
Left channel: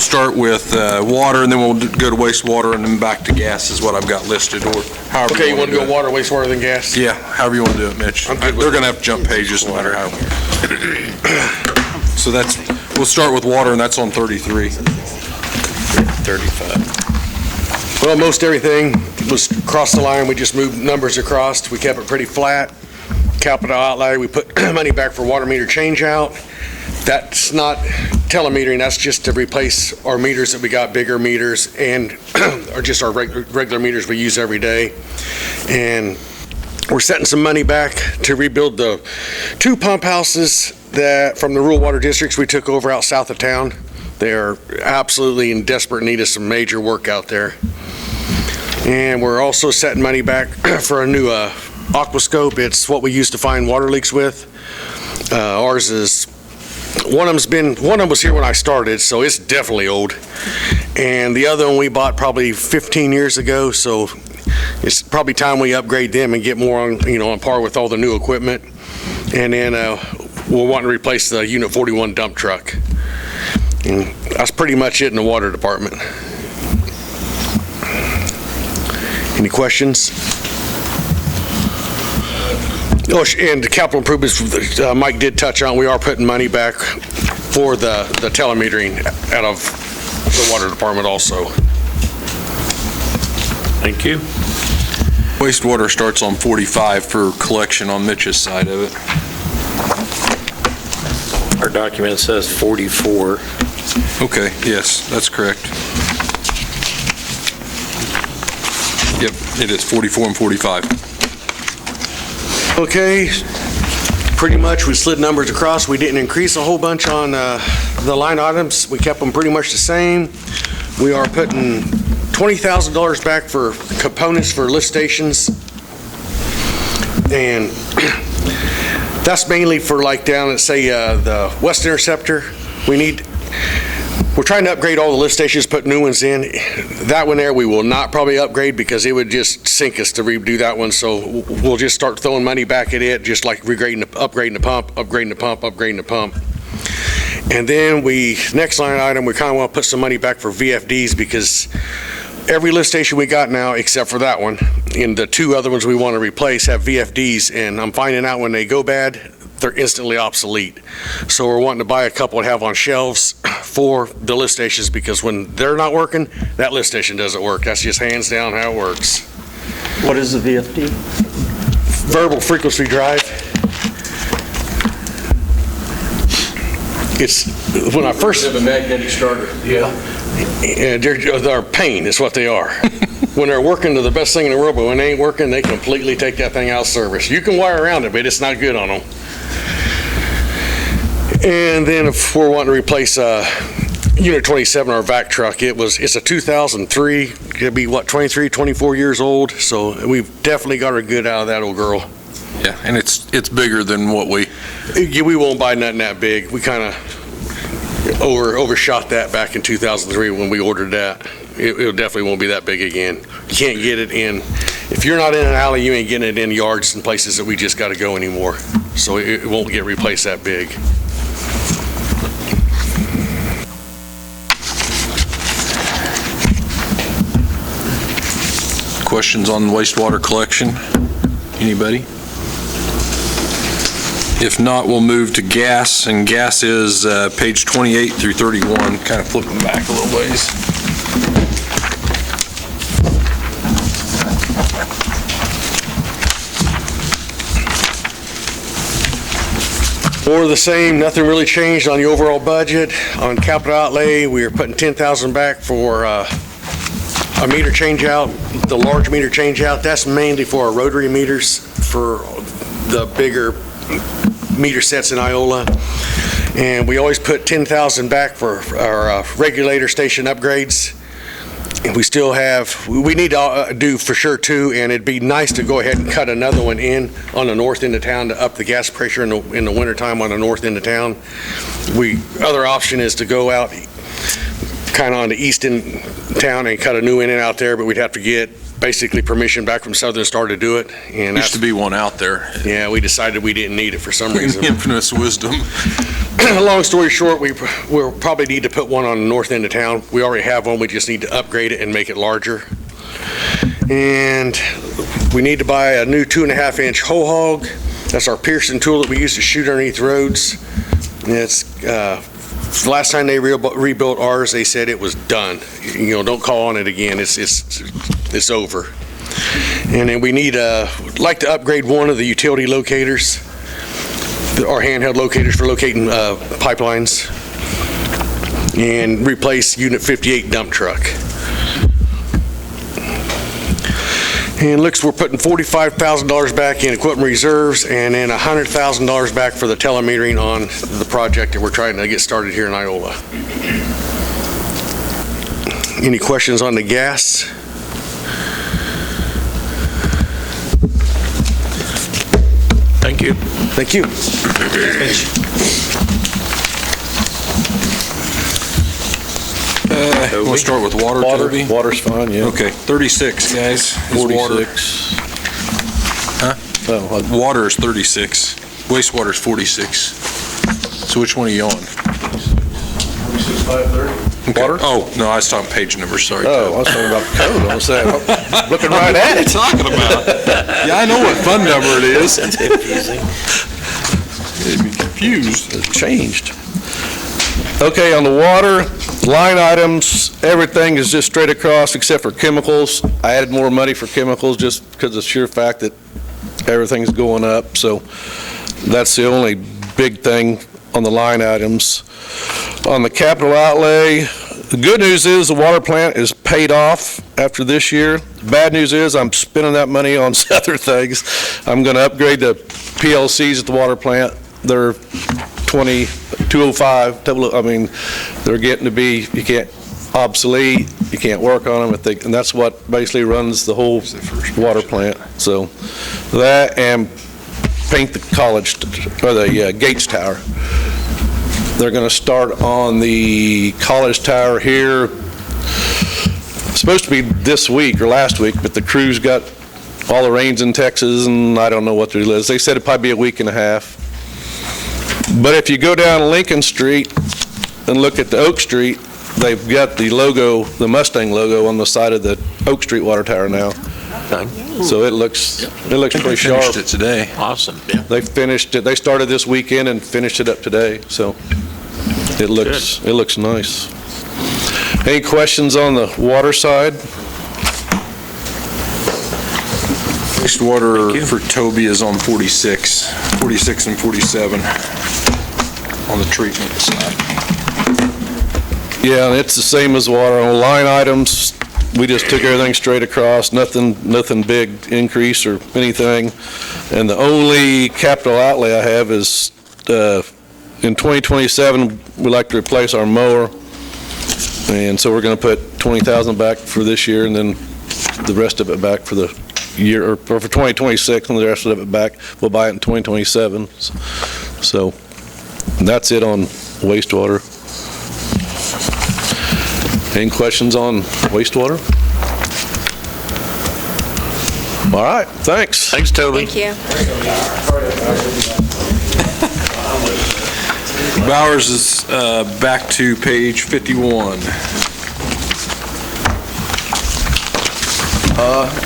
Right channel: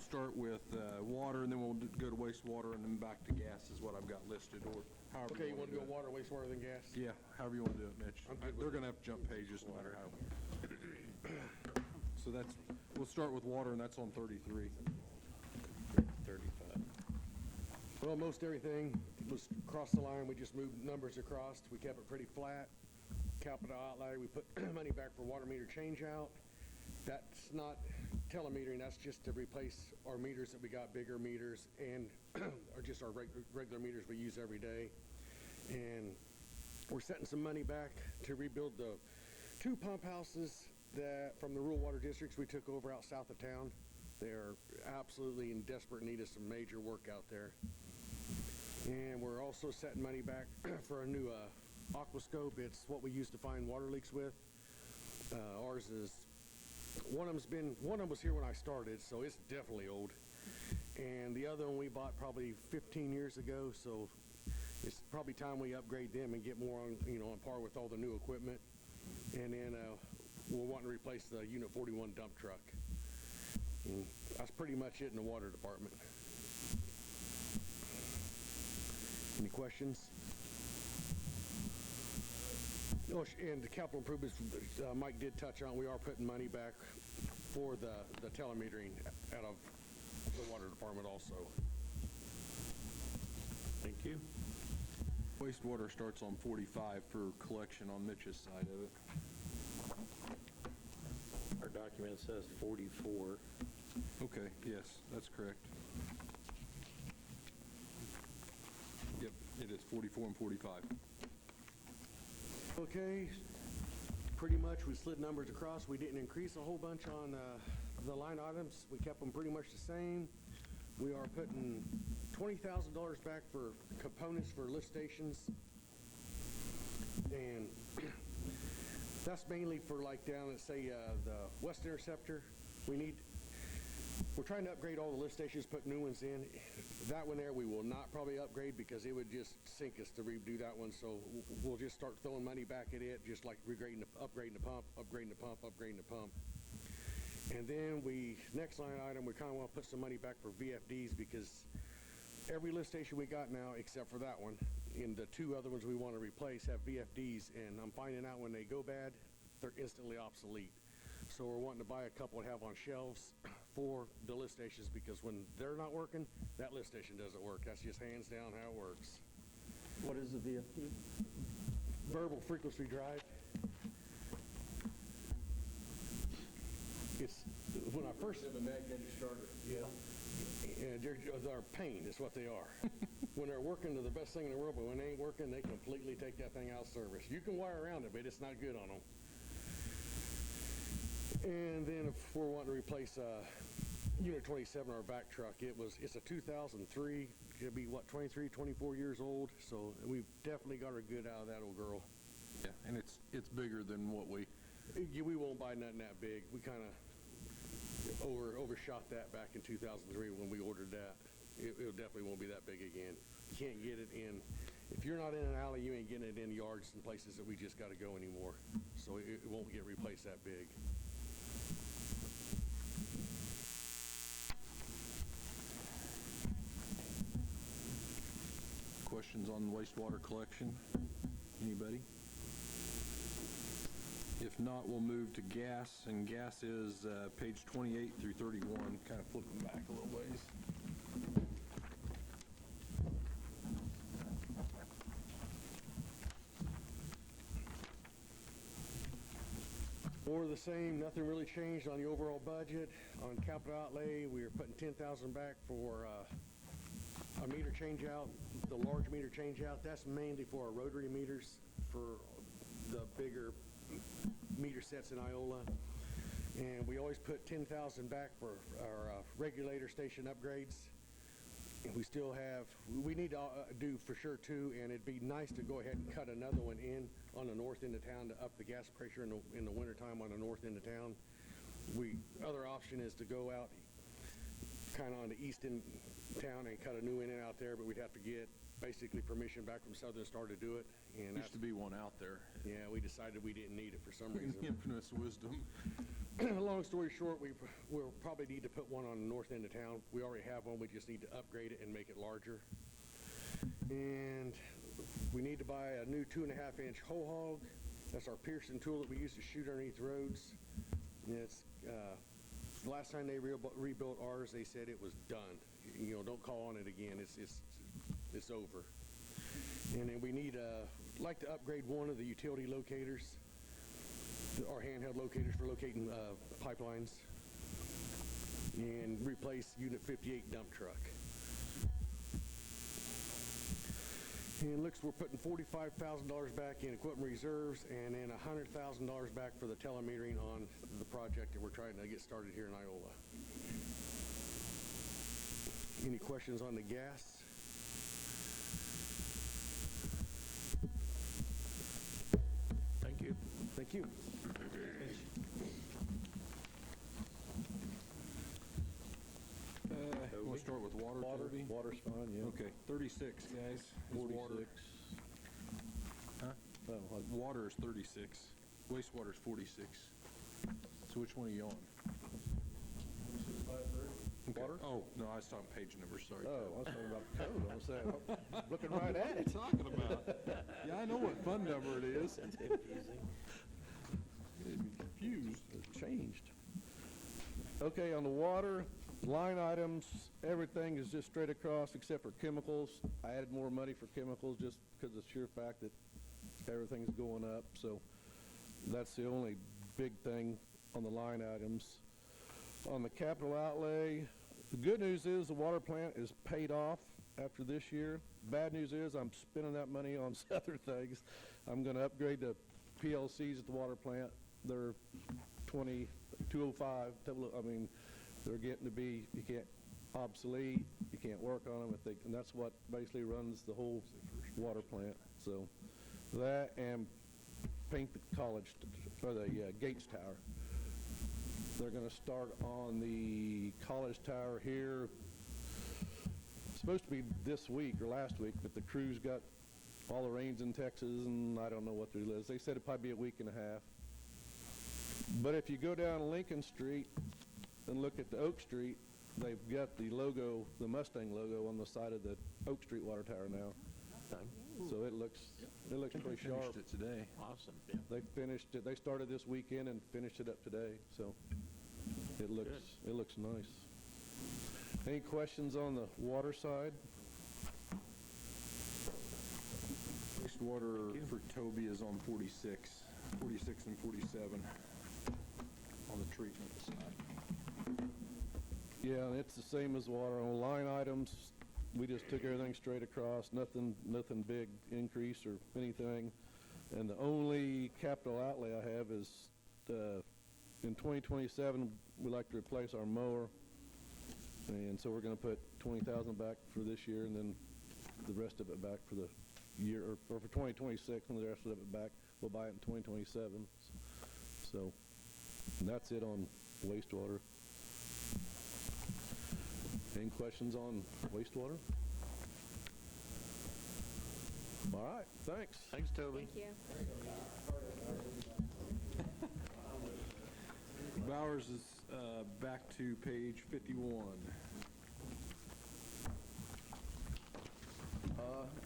start with water, and then we'll go to wastewater, and then back to gas is what I've got listed, or however. Okay, you want to go water, wastewater, then gas? Yeah, however you want to do it, Mitch. They're going to have to jump pages no matter how. So we'll start with water, and that's on 33. 35. Well, most everything was across the line. We just moved numbers across. We kept it pretty flat. Capital outlay, we put money back for water meter change out. That's not telemetering, that's just to replace our meters that we got, bigger meters, and or just our regular meters we use every day. And we're setting some money back to rebuild the 2 pump houses that from the rural water districts we took over out south of town. They are absolutely in desperate need of some major work out there. And we're also setting money back for a new aquascope. It's what we used to find water leaks with. Ours is, one of them was here when I started, so it's definitely old. And the other one we bought probably 15 years ago, so it's probably time we upgrade them and get more on, on par with all the new equipment. And then we'll want to replace the Unit 41 dump truck. And that's pretty much it in the water department. Any questions? Oh, and the capital improvements Mike did touch on, we are putting money back for the telemetering out of the water department also. Thank you. Wastewater starts on 45 for collection on Mitch's side of it. Our document says 44. Okay, yes, that's correct. Yep, it is 44 and 45. Okay, pretty much we slid numbers across. We didn't increase a whole bunch on the line items. We kept them pretty much the same. We are putting $20,000 back for components for lift stations. And that's mainly for like down at, say, the West Interceptor. We're trying to upgrade all the lift stations, put new ones in. That one there we will not probably upgrade because it would just sink us to redo that one. So we'll just start throwing money back at it, just like upgrading the pump, upgrading the pump, upgrading the pump. And then next line item, we kind of want to put some money back for VFDs because every lift station we got now, except for that one, and the two other ones we want to replace have VFDs, and I'm finding out when they go bad, they're instantly obsolete. So we're wanting to buy a couple to have on shelves for the lift stations because when they're not working, that lift station doesn't work. That's just hands down how it works. What is the VFD? Variable frequency drive. It's when I first have a magnetic starter. Yeah. And they're pain is what they are. When they're working, they're the best thing in the world, but when they ain't working, they completely take that thing out of service. You can wire around it, but it's not good on them. And then if we're wanting to replace Unit 27, our vac truck, it's a 2003. It'll be, 23, 24 years old. So we've definitely got her good out of that old girl. Yeah, and it's bigger than what we won't buy nothing that big. We kind of overshot that back in 2003 when we ordered that. It definitely won't be that big again. You can't get it in. If you're not in an alley, you ain't getting it in yards and places that we just got to go anymore. So it won't get replaced that big. Questions on wastewater collection? Anybody? If not, we'll move to gas, and gas is page 28 through 31, kind of flipping back a little ways. More of the same, nothing really changed on the overall budget. On capital outlay, we are putting $10,000 back for a meter change out, the large meter change out. That's mainly for our rotary meters for the bigger meter sets in Iola. And we always put $10,000 back for our regulator station upgrades. And we still we need to do for sure two, and it'd be nice to go ahead and cut another one in on the north end of town to up the gas pressure in the wintertime on the north end of town. Other option is to go out kind of on the east end town and cut a new in and out there, but we'd have to get basically permission back from Southern Star to do it. And used to be one out there. Yeah, we decided we didn't need it for some reason. Infinite wisdom. Long story short, we'll probably need to put one on the north end of town. We already have one. We just need to upgrade it and make it larger. And we need to buy a new 2.5-inch hoe hog. That's our Pearson tool that we use to shoot underneath roads. And it's the last time they rebuilt ours, they said it was done. Don't call on it again. It's over. And then we like to upgrade one of the utility locators, our handheld locators for locating pipelines, and replace Unit 58 dump truck. And looks, we're putting $45,000 back in equipment reserves and then $100,000 back for the telemetering on the project that we're trying to get started here in Iola. Any questions on the gas? Thank you. Thank you. We'll start with water, Toby? Water's fine, yeah. Okay, 36, guys. is water. 46. Huh? Oh, Water is 36. Wastewater is 46. So which one are you on? 46,530. Okay. Water? Oh, no, I was talking page number, sorry. Oh, I was talking about the code. I was saying, looking right at it. What are you talking about? Yeah, I know what fund number it is. That's confusing. You'd be confused. It's changed. Okay, on the water, line items, everything is just straight across except for chemicals. I added more money for chemicals just because of the sheer fact that everything's going up. So that's the only big thing on the line items. On the capital outlay, the good news is the water plant is paid off after this year. Bad news is I'm spending that money on other things. I'm going to upgrade the PLCs at the water plant. They're 205, I mean, they're getting to be, you can't, obsolete, you can't work on them, and that's what basically runs the whole water plant. So that and paint the college, or the Gates Tower. They're going to start on the college tower here. It's supposed to be this week or last week, but the crews got all the rains in Texas, and I don't know what their list. They said it'd probably be a week and a half. But if you go down Lincoln Street and look at the Oak Street, they've got the logo, the Mustang logo on the side of the Oak Street water tower now. So it looks pretty sharp. Finished it today. Awesome. Yeah. They finished it, they started this weekend and finished it up today, so it looks nice. Any questions on the water side? Wastewater for Toby is on 46 and 47 on the treatment side. Yeah, and it's the same as water. On line items, we just took everything straight across, nothing big increase or anything. And the only capital outlay I have is in 2027, we'd like to replace our mower. And so we're going to put 20,000 back for this year and then the rest of it back for the year, or for 2026, and the rest of it back. We'll buy it in 2027. So that's it on wastewater. Any questions on wastewater? All right, thanks. Thanks, Toby. Thank you. Bowers is back to page 51.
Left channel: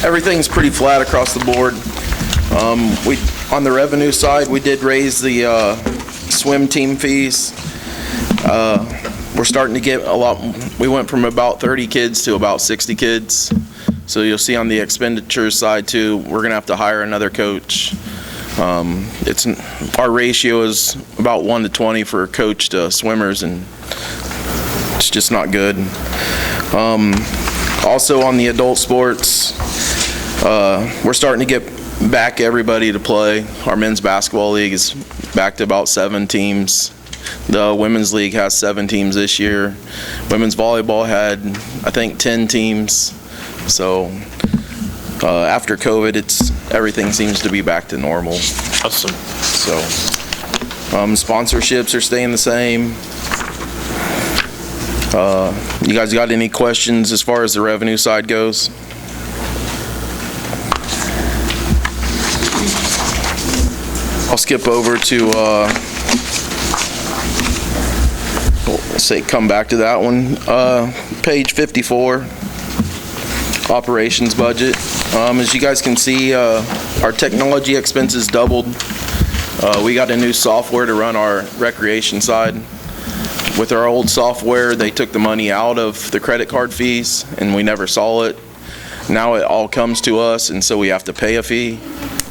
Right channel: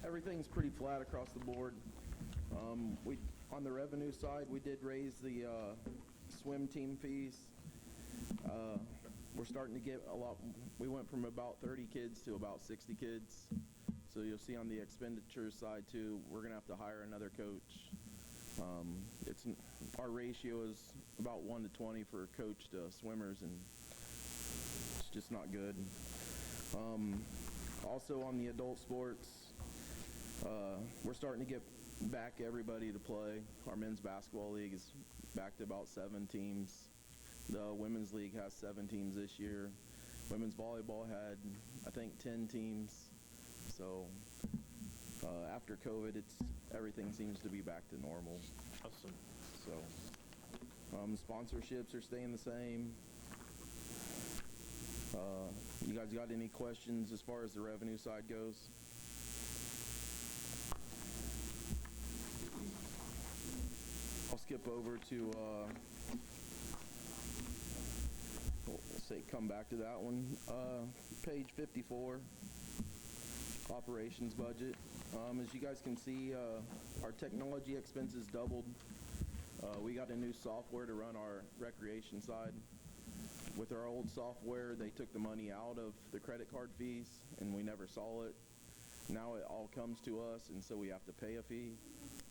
Everything's pretty flat across the board. On the revenue side, we did raise the swim team fees. We're starting to get a lot. We went from about 30 kids to about 60 kids. So you'll see on the expenditure side too, we're going to have to hire another coach. Our ratio is about 1-to-20 for coach to swimmers, and it's just not good. Also on the adult sports, we're starting to get back everybody to play. Our men's basketball league is back to about 7 teams. The women's league has 7 teams this year. Women's volleyball had, I think, 10 teams. So after COVID, everything seems to be back to normal. Awesome. So sponsorships are staying the same. You guys got any questions as far as the revenue side goes? I'll skip over to come back to that one. Page 54, operations budget. As you guys can see, our technology expenses doubled. We got a new software to run our recreation side. With our old software, they took the money out of the credit card fees, and we never saw it. Now it all comes to us, and so we have to pay a fee.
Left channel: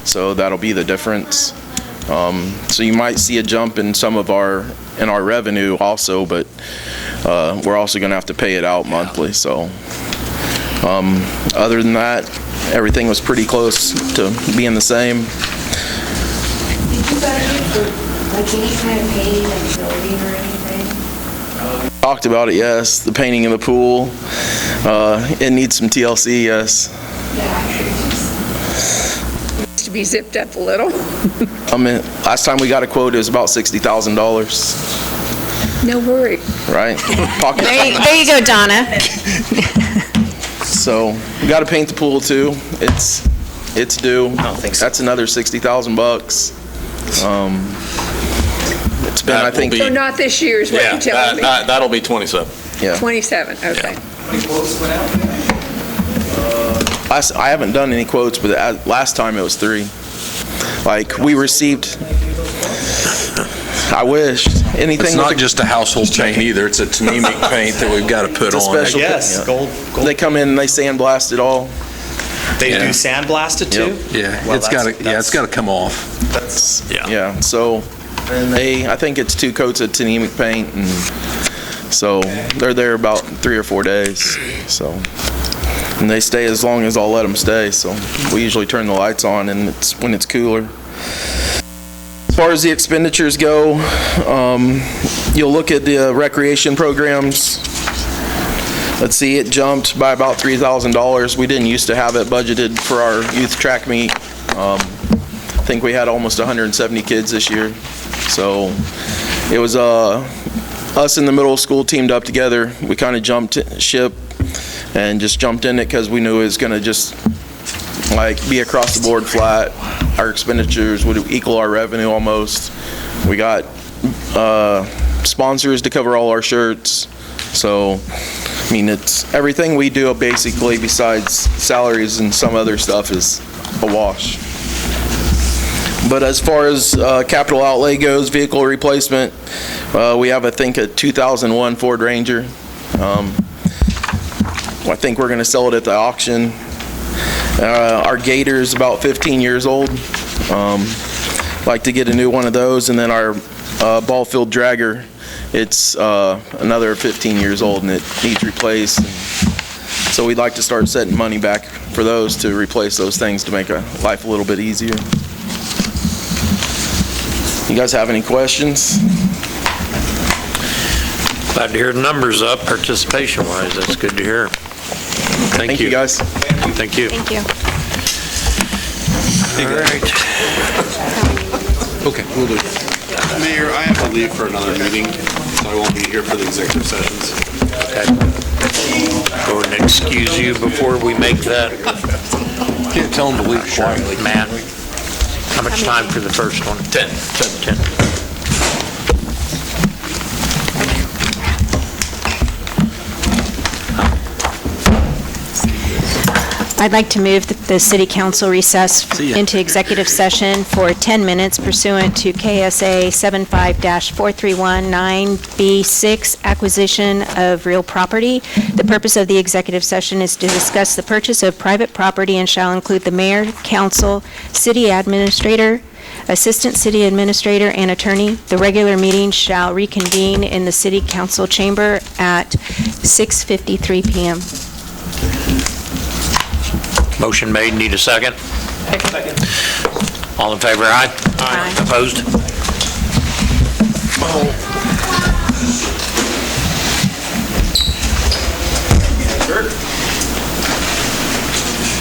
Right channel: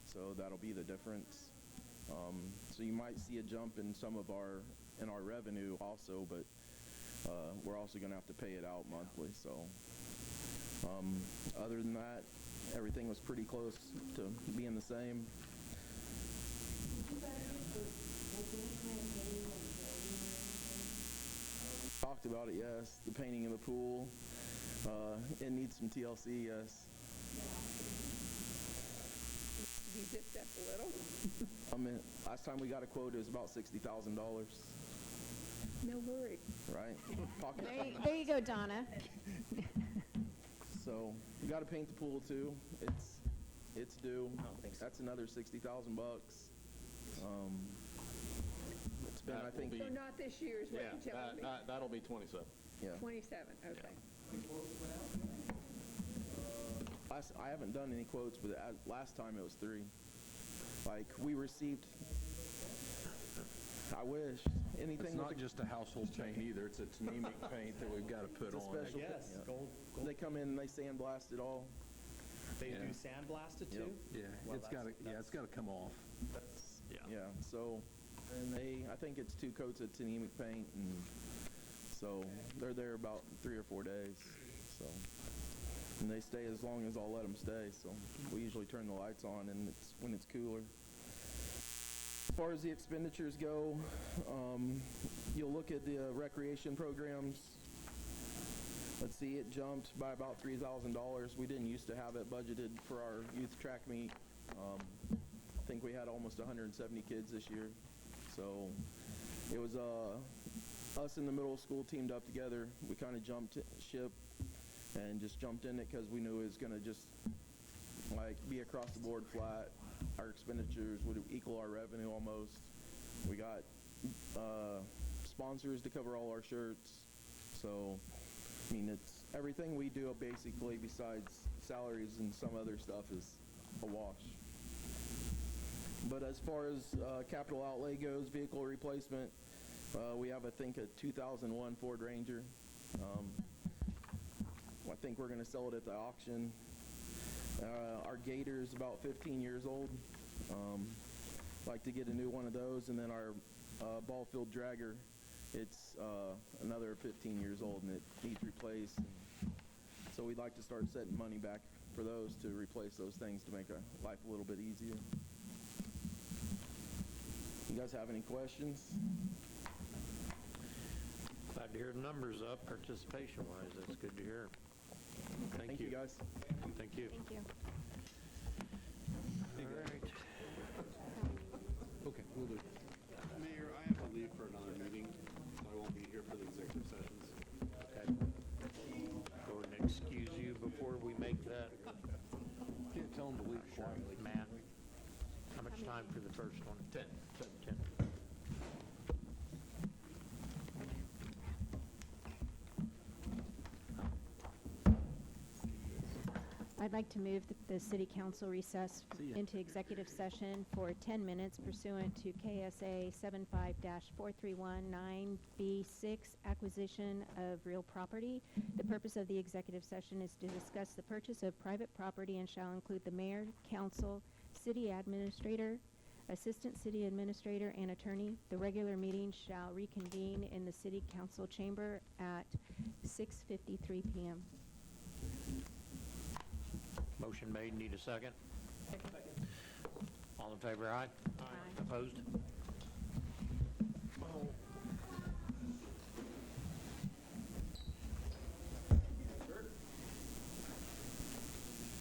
So that'll be the difference. So you might see a jump in our revenue also, but we're also going to have to pay it out monthly. So Other than that, everything was pretty close to being the same. Did you budget for like any kind of painting of the building or anything? Talked about it, yes. The painting of the pool. It needs some TLC, yes. Needs to be zipped up a little. Last time we got a quote, it was about $60,000. No worry. Right? There you go, Donna. So we got to paint the pool too. It's due. I don't think so. That's another $60,000. It's been, I think. So not this year is what you're telling me? That'll be 27. Yeah. 27, okay. I haven't done any quotes, but last time it was 3. Like we received. I wish anything. It's not just a household paint either. It's a anemic paint that we've got to put on. Special Yes, gold. They come in and they sandblast it all. They do sandblast it too? Yeah, Well, it's got to come off. That's, Yeah. So, and I think it's 2 coats of anemic paint, and so they're there about 3 or 4 days. So, and they stay as long as I'll let them stay. So we usually turn the lights on, and it's when it's cooler. As far as the expenditures go, you'll look at the recreation programs. Let's see, it jumped by about $3,000. We didn't used to have it budgeted for our youth track meet. I think we had almost 170 kids this year. So it was us in the middle school teamed up together. We kind of jumped ship and just jumped in it because we knew it was going to just like be across the board flat. Our expenditures would equal our revenue almost. We got sponsors to cover all our shirts. So, I mean, it's everything we do basically besides salaries and some other stuff is a wash. But as far as capital outlay goes, vehicle replacement, we have, I think, a 2001 Ford Ranger. I think we're going to sell it at the auction. Our Gator's about 15 years old. Like to get a new one of those, and then our ball field dragger, it's another 15 years old and it needs replaced. And so we'd like to start setting money back for those to replace those things to make life a little bit easier. You guys have any questions? Glad to hear the numbers up participation-wise. That's good to hear. Thank you, guys. Thank you. Thank you. All right. Okay, we'll do. Mayor, I have to leave for another meeting, so I won't be here for the executive sessions. Okay. Go ahead and excuse you before we make that. Can't tell them to leave quietly. Matt, how much time for the first one? 10. I'd like to move the city council recess into executive session for 10 minutes pursuant to KSA 75-4319B6, acquisition of real property. The purpose of the executive session is to discuss the purchase of private property and shall include the mayor, council, city administrator, assistant city administrator, and attorney. The regular meeting shall reconvene in the city council chamber at 6:53 p.m. Motion made. Need a second? Second. All in favor, aye? Aye. Opposed?